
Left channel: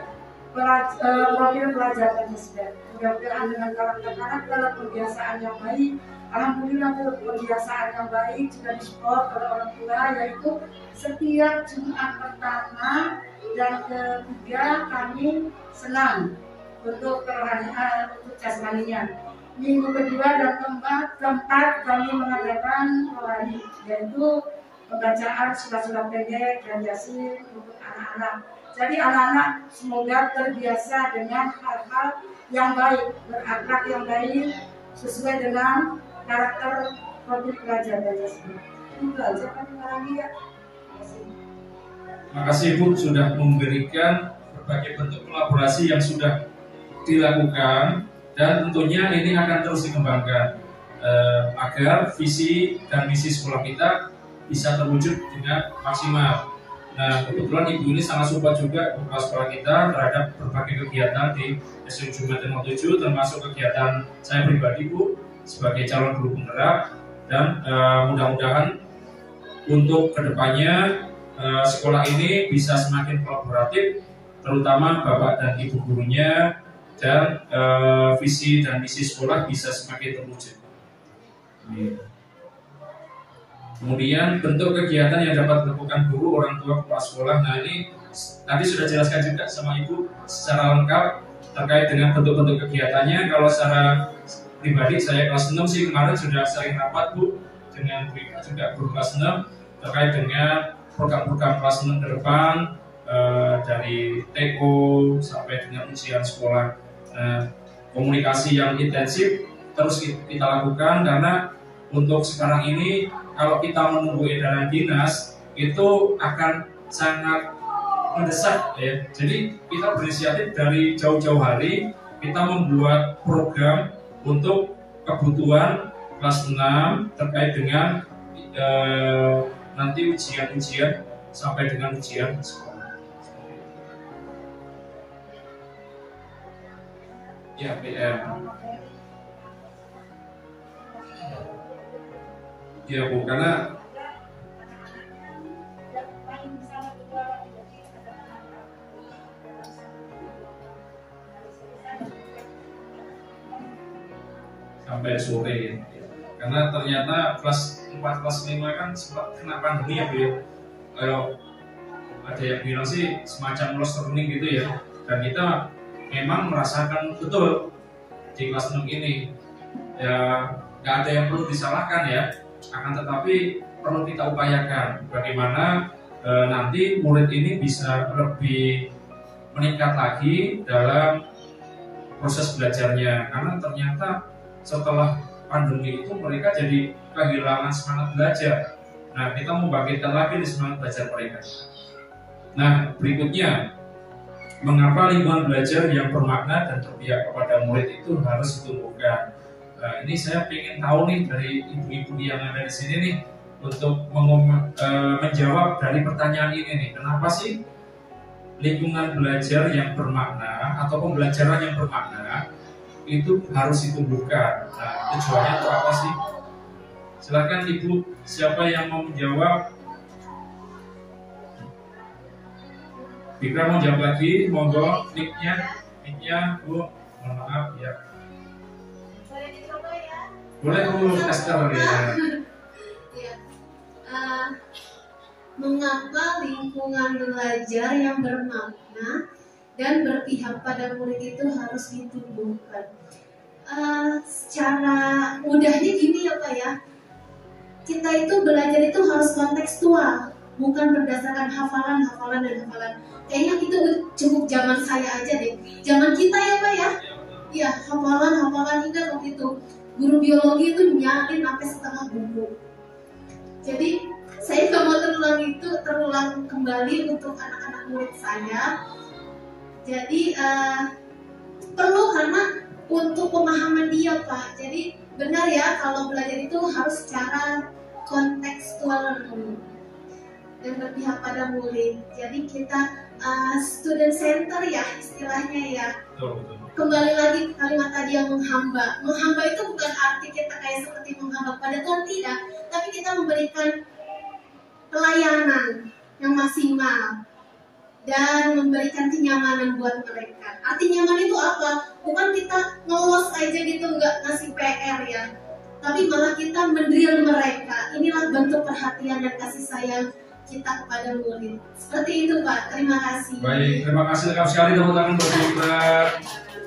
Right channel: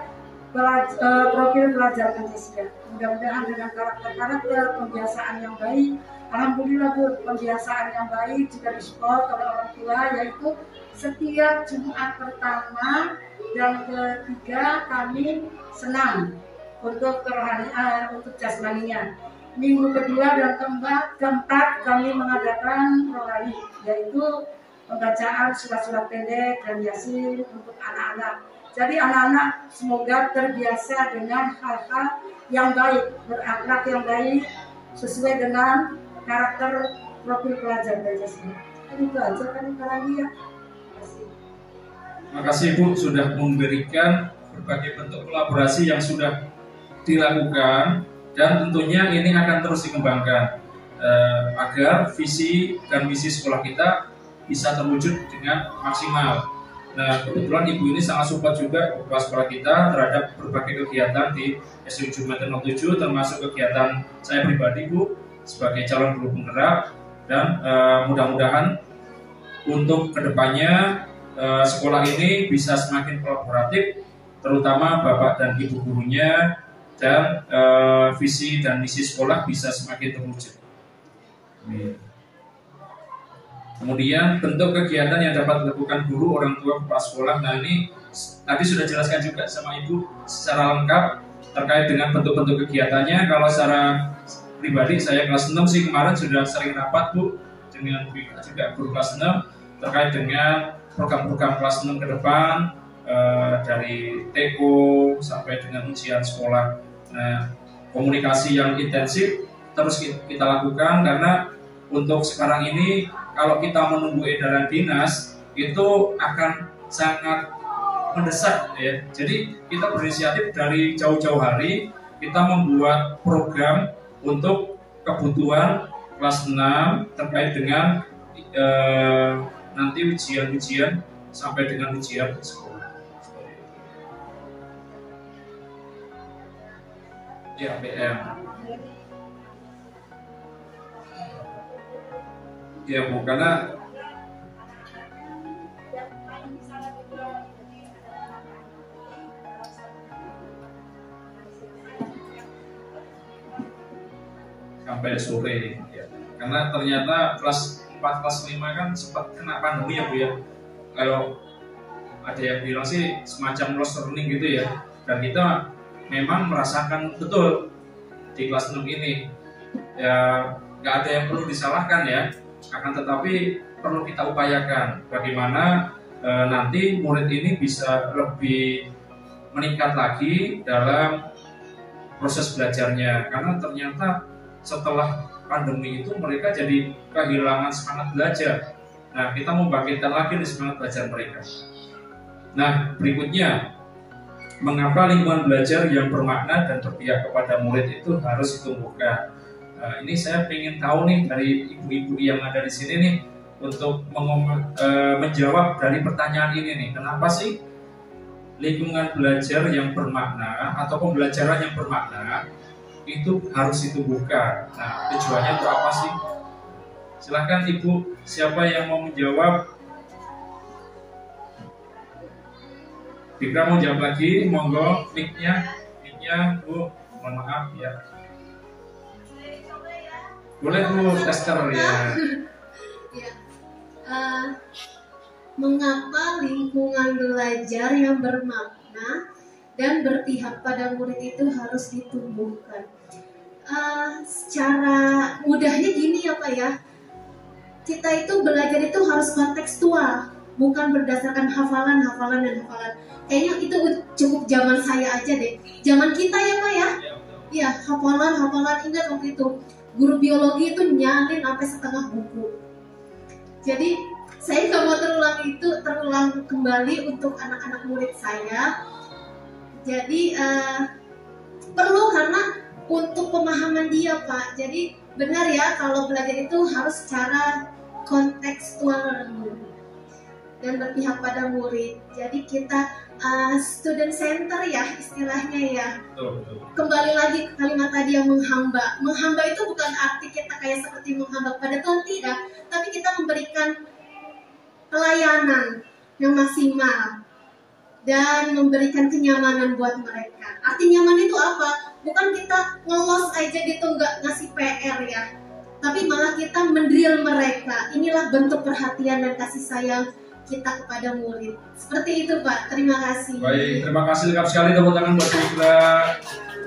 profil pelajar Pancasila. Mudah-mudahan dengan karakter-karakter pembiasaan yang baik, alhamdulillah pembiasaan yang baik juga disupport oleh orang tua, yaitu setiap Jumat pertama dan ketiga kami senam untuk kerohanian, untuk jasmaninya. Minggu kedua dan keempat kami mengadakan rohani, yaitu pembacaan surat-surat pendek dan yasin untuk anak-anak. Jadi anak-anak semoga terbiasa dengan hal-hal yang baik, berakhlak yang baik, sesuai dengan karakter profil pelajar Pancasila. Itu aja kan ya. Terima kasih Ibu sudah memberikan berbagai bentuk kolaborasi yang sudah dilakukan, dan tentunya ini akan terus dikembangkan agar visi dan misi sekolah kita bisa terwujud dengan maksimal. Nah kebetulan Ibu ini sangat support juga kepala sekolah kita terhadap berbagai kegiatan di SD Ujung Menteng 07, termasuk kegiatan saya pribadi Bu sebagai calon guru penggerak, dan mudah-mudahan untuk kedepannya sekolah ini bisa semakin kolaboratif, terutama Bapak dan Ibu gurunya, dan visi dan misi sekolah bisa semakin terwujud. Kemudian bentuk kegiatan yang dapat dilakukan guru, orang tua, kepala sekolah. Nah ini tadi sudah jelaskan juga sama Ibu secara lengkap terkait dengan bentuk-bentuk kegiatannya. Kalau secara pribadi saya kelas 6 sih kemarin sudah sering rapat Bu dengan Bu Ika juga guru kelas 6 terkait dengan program-program kelas 6 ke depan, dari TO sampai dengan ujian sekolah. Nah, komunikasi yang intensif terus kita lakukan, karena untuk sekarang ini kalau kita menunggu edaran dinas itu akan sangat mendesak ya. Jadi kita berinisiatif dari jauh-jauh hari, kita membuat program untuk kebutuhan kelas 6 terkait dengan nanti ujian-ujian sampai dengan ujian sekolah. Ya, PM. Ya Bu, karena sampai sore ya. Karena ternyata kelas 4, kelas 5 kan sempat kena pandemi ya Bu ya. Kalau ada yang bilang sih semacam lost learning gitu ya. Dan kita memang merasakan betul di kelas 6 ini ya, nggak ada yang perlu disalahkan ya. Akan tetapi perlu kita upayakan bagaimana nanti murid ini bisa lebih meningkat lagi dalam proses belajarnya, karena ternyata setelah pandemi itu mereka jadi kehilangan semangat belajar. Nah, kita membangkitkan lagi nih semangat belajar mereka. Nah, berikutnya, mengapa lingkungan belajar yang bermakna dan berpihak kepada murid itu harus ditumbuhkan? Nah, ini saya ingin tahu nih dari ibu-ibu yang ada di sini nih untuk menjawab dari pertanyaan ini nih. Kenapa sih lingkungan belajar yang bermakna atau pembelajaran yang bermakna itu harus ditumbuhkan? Nah, tujuannya itu apa sih? Silakan Ibu, siapa yang mau menjawab? Bikra mau jawab lagi, monggo mic-nya Bu, mohon maaf ya. Boleh Bu, tester ya. Mengapa lingkungan belajar yang bermakna dan berpihak pada murid itu harus ditumbuhkan? Secara mudahnya gini ya Pak ya, kita itu belajar itu harus kontekstual, bukan berdasarkan hafalan. Kayaknya itu cukup zaman saya aja deh, zaman kita ya Pak ya. Iya, hafalan ingat waktu itu guru biologi itu nyalin sampai setengah buku. Jadi saya nggak mau terulang kembali untuk anak-anak murid saya. Jadi perlu, karena untuk pemahaman dia Pak. Jadi benar ya, kalau belajar itu harus secara kontekstual dan berpihak pada murid. Jadi kita student center ya istilahnya ya. Betul. Kembali lagi ke kalimat tadi yang menghamba. Menghamba itu bukan arti kita kayak seperti menghamba kepada Tuhan, tidak. Tapi kita memberikan pelayanan yang maksimal dan memberikan kenyamanan buat mereka. Arti nyaman itu apa? Bukan kita ngelos aja gitu, nggak ngasih PR ya, tapi malah kita mendrill mereka. Inilah bentuk perhatian dan kasih sayang kita kepada murid. Seperti itu Pak, terima kasih. Baik, terima kasih, lengkap sekali, tepuk tangan buat kita.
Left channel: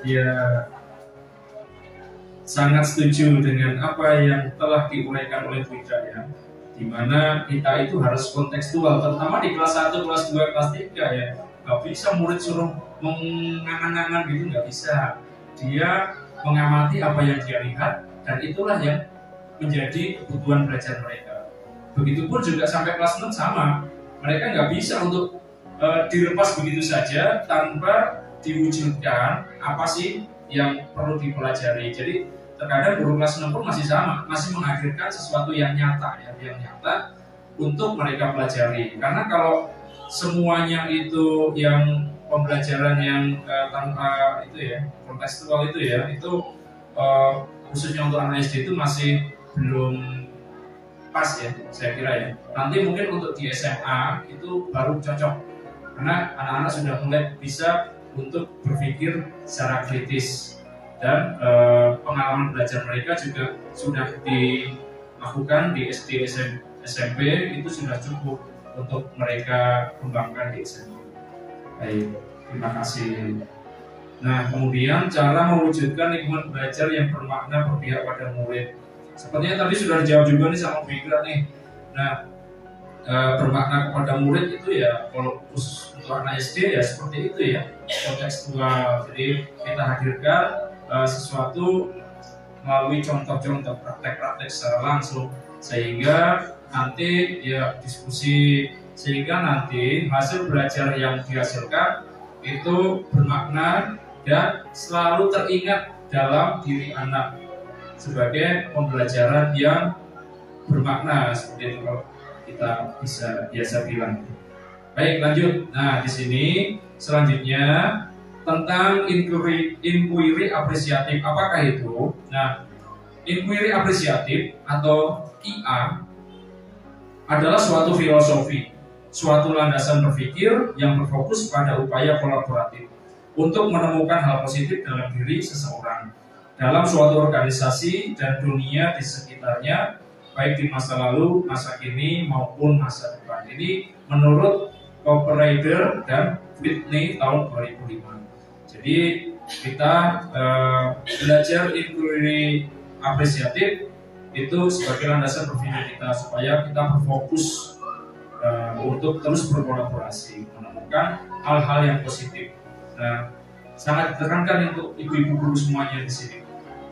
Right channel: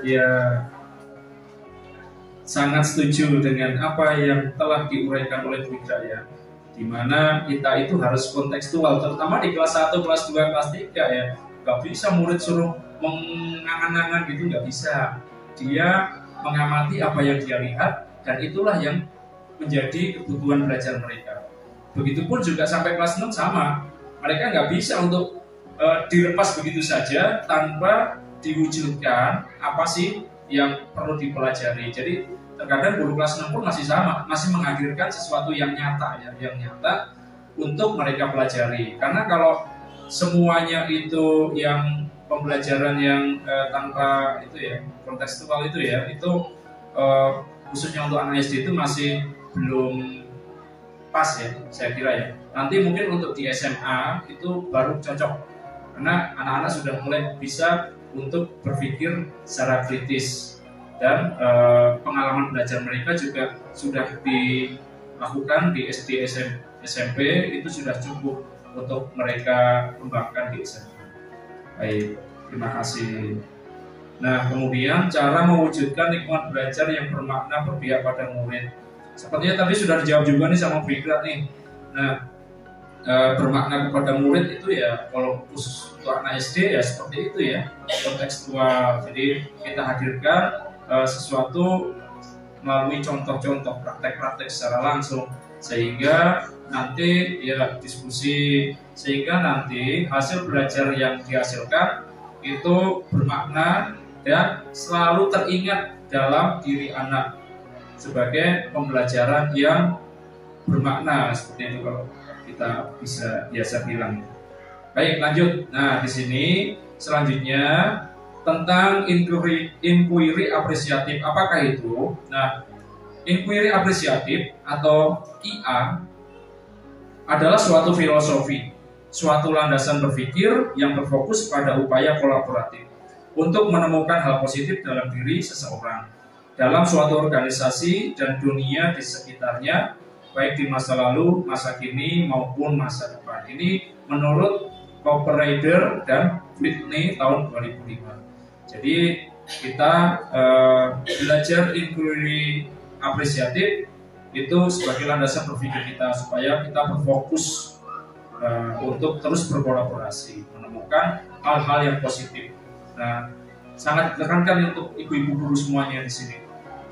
Ya, sangat setuju dengan apa yang telah diuraikan oleh Bu Ida ya, dimana kita itu harus kontekstual, terutama di kelas 1, kelas 2, kelas 3 ya. Gak bisa murid suruh mengangan-angan gitu, gak bisa. Dia mengamati apa yang dia lihat, dan itulah yang menjadi kebutuhan belajar mereka. Begitupun juga sampai kelas 6 sama, mereka nggak bisa untuk dilepas begitu saja tanpa diwujudkan apa sih yang perlu dipelajari. Jadi terkadang guru kelas 6 pun masih sama, masih menghadirkan sesuatu yang nyata ya, yang nyata untuk mereka pelajari. Karena kalau semuanya itu yang pembelajaran yang tanpa itu ya, kontekstual itu ya, itu khususnya untuk anak SD itu masih belum pas ya, saya kira ya. Nanti mungkin untuk di SMA itu baru cocok, karena anak-anak sudah mulai bisa untuk berpikir secara kritis, dan pengalaman belajar mereka juga sudah dilakukan di SD, SMP itu sudah cukup untuk mereka kembangkan di SMA. Baik, terima kasih. Nah, kemudian cara mewujudkan lingkungan belajar yang bermakna berpihak pada murid. Sepertinya tadi sudah dijawab juga nih sama Bu Ikra nih. Nah, bermakna kepada murid itu ya, kalau khusus untuk anak SD ya seperti itu ya, kontekstual. Jadi kita hadirkan sesuatu melalui contoh-contoh, praktek-praktek secara langsung, sehingga nanti ya diskusi, sehingga nanti hasil belajar yang dihasilkan itu bermakna dan selalu teringat dalam diri anak sebagai pembelajaran yang bermakna, seperti itu kalau kita bisa biasa bilang. Baik, lanjut. Nah, di sini selanjutnya tentang inquiry apresiatif. Apakah itu? Nah, inquiry apresiatif atau IA adalah suatu filosofi, suatu landasan berpikir yang berfokus pada upaya kolaboratif untuk menemukan hal positif dalam diri seseorang, dalam suatu organisasi dan dunia di sekitarnya, baik di masa lalu, masa kini, maupun masa depan. Ini menurut Cooper dan Whitney tahun 2005. Jadi kita belajar inquiry apresiatif itu sebagai landasan berpikir kita, supaya kita berfokus untuk terus berkolaborasi, menemukan hal-hal yang positif. Nah, sangat ditekankan untuk ibu-ibu guru semuanya di sini,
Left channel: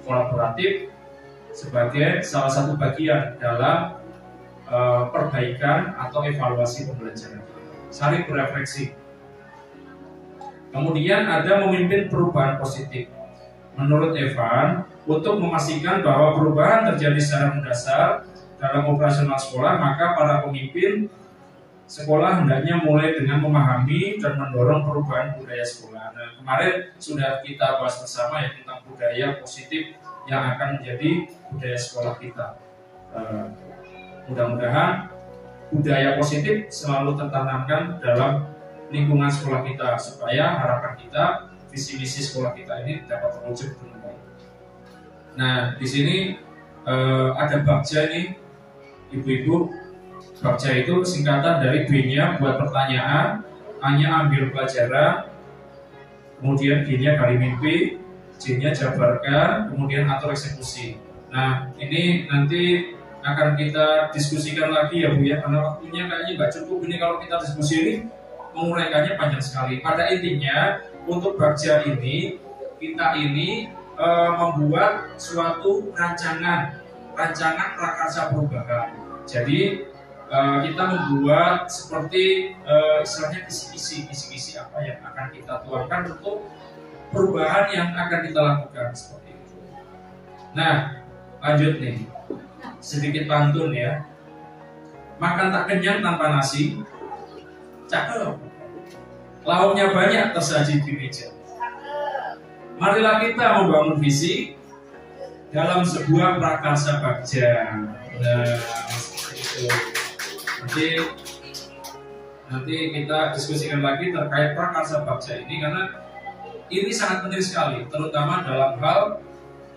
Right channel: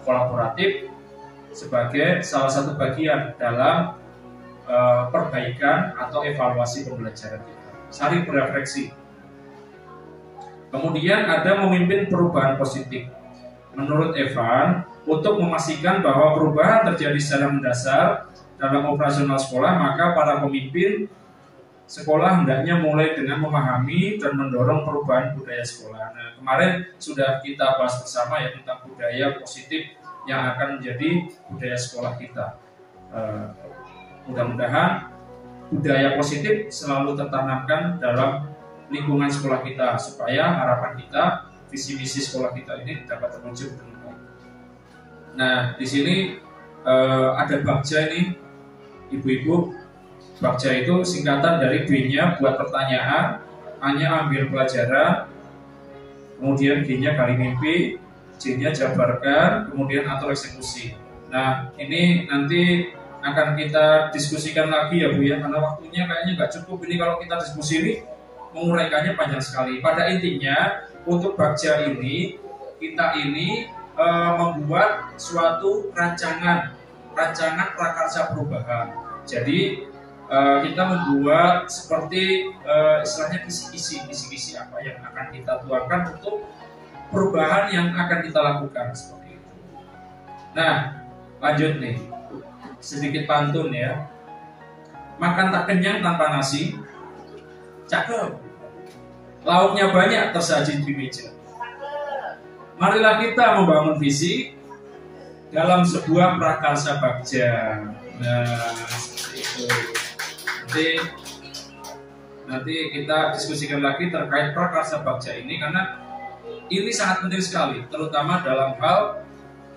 kolaboratif sebagai salah satu bagian dalam perbaikan atau evaluasi pembelajaran kita. Saling berefleksi. Kemudian ada memimpin perubahan positif. Menurut Evan, untuk memastikan bahwa perubahan terjadi secara mendasar dalam operasional sekolah, maka para pemimpin sekolah hendaknya mulai dengan memahami dan mendorong perubahan budaya sekolah. Nah, kemarin sudah kita bahas bersama ya tentang budaya positif yang akan menjadi budaya sekolah kita. Mudah-mudahan budaya positif selalu tertanamkan dalam lingkungan sekolah kita, supaya harapan kita, visi misi sekolah kita ini dapat terwujud dengan baik. Nah, di sini ada Bagja ini, ibu-ibu. Bagja itu singkatan dari B-nya buat pertanyaan, A-nya ambil pelajaran, kemudian G-nya gali mimpi, J-nya jabarkan, kemudian atur eksekusi. Nah, ini nanti akan kita diskusikan lagi ya Bu ya, karena waktunya kayaknya nggak cukup ini kalau kita diskusi ini, menguraikannya panjang sekali. Pada intinya, untuk Bagja ini, kita ini membuat suatu rancangan prakarsa perubahan. Jadi kita membuat seperti istilahnya kisi-kisi apa yang akan kita tuangkan untuk perubahan yang akan kita lakukan, seperti itu. Nah, lanjut nih, sedikit pantun ya. Makan tak kenyang tanpa nasi, cakep. Lauknya banyak tersaji di meja. Marilah kita membangun visi dalam sebuah prakarsa Bagja. Nah, seperti itu. Nanti kita diskusikan lagi terkait prakarsa Bagja ini, karena ini sangat penting sekali, terutama dalam hal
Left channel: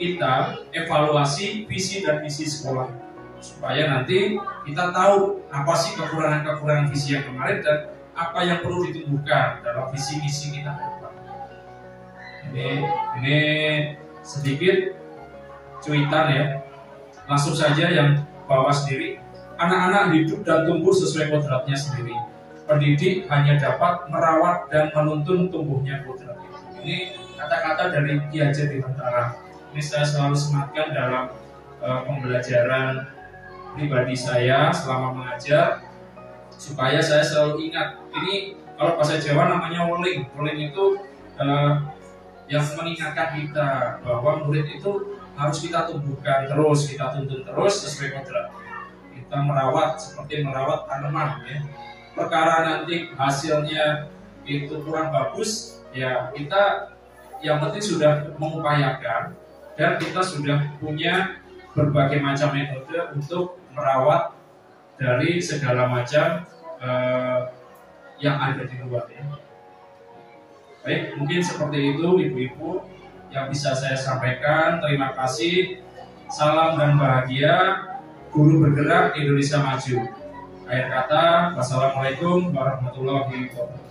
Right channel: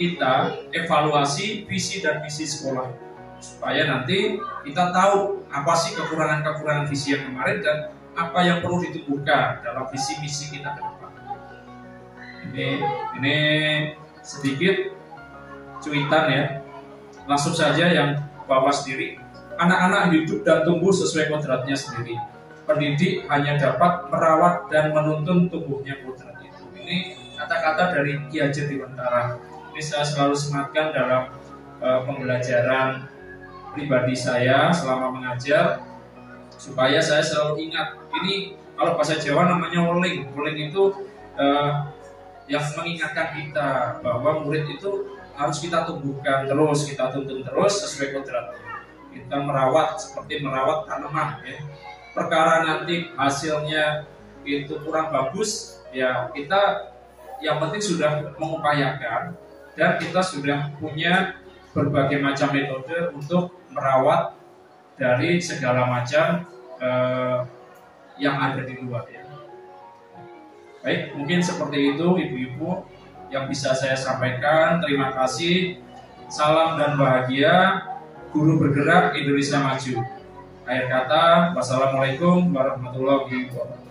kita evaluasi visi dan misi sekolah, supaya nanti kita tahu apa sih kekurangan visi yang kemarin dan apa yang perlu ditumbuhkan dalam visi misi kita ke depan. Ini sedikit cuitan ya, langsung saja yang bawa sendiri. Anak-anak hidup dan tumbuh sesuai kodratnya sendiri. Pendidik hanya dapat merawat dan menuntun tumbuhnya kodrat itu. Ini kata-kata dari Ki Hajar Dewantara. Ini saya selalu sematkan dalam pembelajaran pribadi saya selama mengajar, supaya saya selalu ingat. Ini kalau bahasa Jawa namanya weling. Weling itu yang mengingatkan kita bahwa murid itu harus kita tumbuhkan terus, kita tuntun terus sesuai kodrat. Kita merawat seperti merawat tanaman ya. Perkara nanti hasilnya itu kurang bagus, ya kita yang penting sudah mengupayakan dan kita sudah punya berbagai macam metode untuk merawat dari segala macam yang ada di luar ya. Baik, mungkin seperti itu ibu-ibu yang bisa saya sampaikan. Terima kasih. Salam dan bahagia. Guru bergerak Indonesia Maju. Akhir kata, wassalamualaikum warahmatullahi wabarakatuh.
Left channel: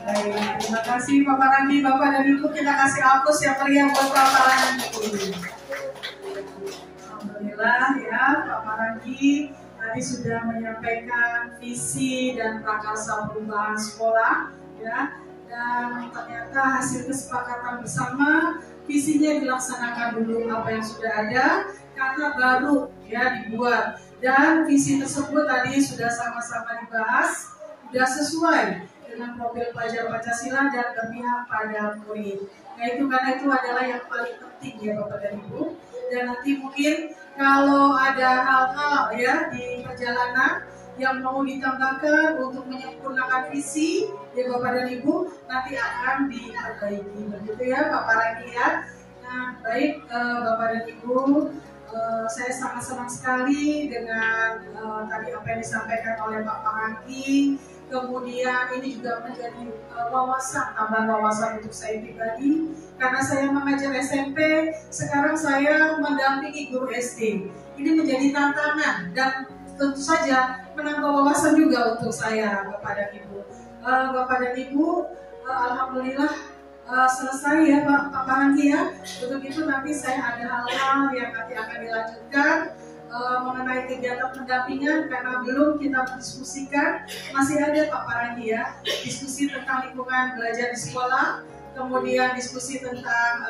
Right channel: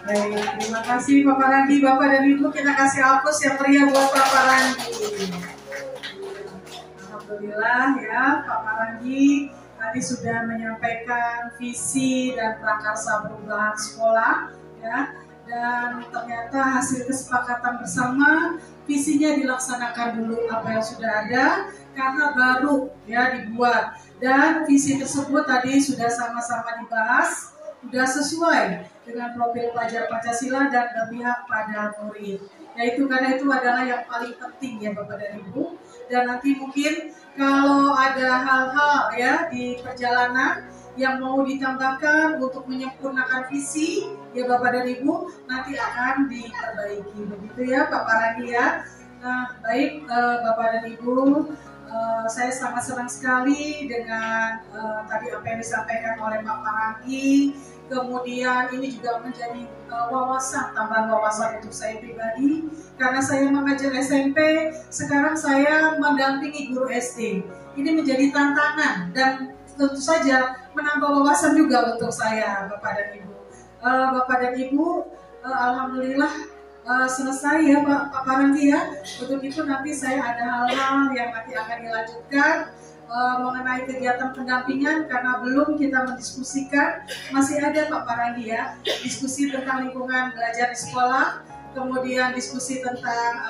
Baik, terima kasih Bapak Randi. Bapak dan Ibu, kita kasih aplaus yang meriah buat Bapak Randi. Alhamdulillah ya, Bapak Randi tadi sudah menyampaikan visi dan prakarsa perubahan sekolah ya, dan ternyata hasil kesepakatan bersama visinya dilaksanakan dulu apa yang sudah ada karena baru ya dibuat, dan visi tersebut tadi sudah sama-sama dibahas, sudah sesuai dengan profil pelajar Pancasila dan berpihak pada murid. Yaitu karena itu adalah yang paling penting ya Bapak dan Ibu. Dan nanti mungkin kalau ada hal-hal ya di perjalanan yang mau ditambahkan untuk menyempurnakan visi ya Bapak dan Ibu, nanti akan diperbaiki. Begitu ya Bapak Randi ya. Nah baik Bapak dan Ibu, saya sangat senang sekali dengan tadi apa yang disampaikan oleh Bapak Randi. Kemudian ini juga menjadi wawasan, tambahan wawasan untuk saya pribadi. Karena saya mengajar SMP, sekarang saya mendampingi guru SD. Ini menjadi tantangan dan tentu saja menambah wawasan juga untuk saya, Bapak dan Ibu. Bapak dan Ibu, alhamdulillah selesai ya Pak Randi ya. Untuk itu nanti saya ada hal-hal yang nanti akan dilanjutkan mengenai kegiatan pendampingan, karena belum kita mendiskusikan, masih ada Pak Paranggi ya, diskusi tentang lingkungan belajar di sekolah, kemudian diskusi tentang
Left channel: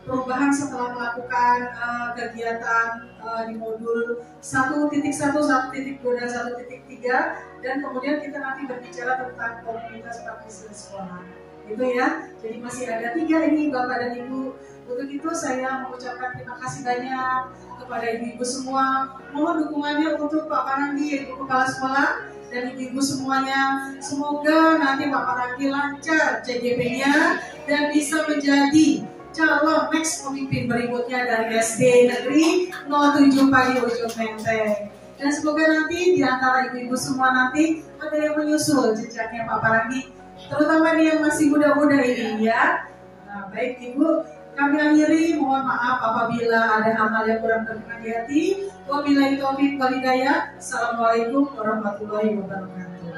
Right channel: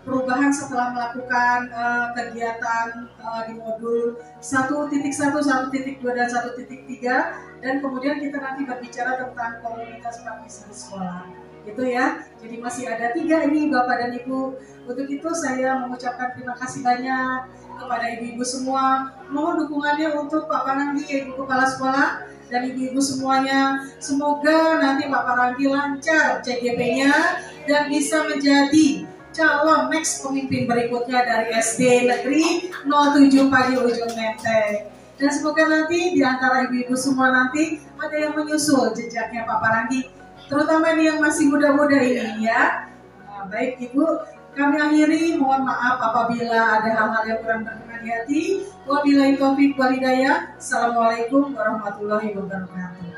perubahan setelah melakukan kegiatan di modul 1.1, 1.2, dan 1.3, dan kemudian kita nanti berbicara tentang komunitas praktisi di sekolah. Itu ya, jadi masih ada 3 ini Bapak dan Ibu. Untuk itu saya mengucapkan terima kasih banyak kepada ibu-ibu semua. Mohon dukungannya untuk Pak Paranggi, Ibu Kepala Sekolah, dan ibu-ibu semuanya. Semoga nanti Pak Paranggi lancar CGP-nya dan bisa menjadi calon next pemimpin berikutnya dari SD Negeri 07 Padi Ujung Menteng. Dan semoga nanti di antara ibu-ibu semua nanti ada yang menyusul jejaknya Pak Paranggi, terutama nih yang masih muda-muda ini ya. Nah, baik Ibu, kami akhiri, mohon maaf apabila ada hal-hal yang kurang berkenan di hati. Wabillahi taufiq wal hidayah. Assalamualaikum warahmatullahi wabarakatuh.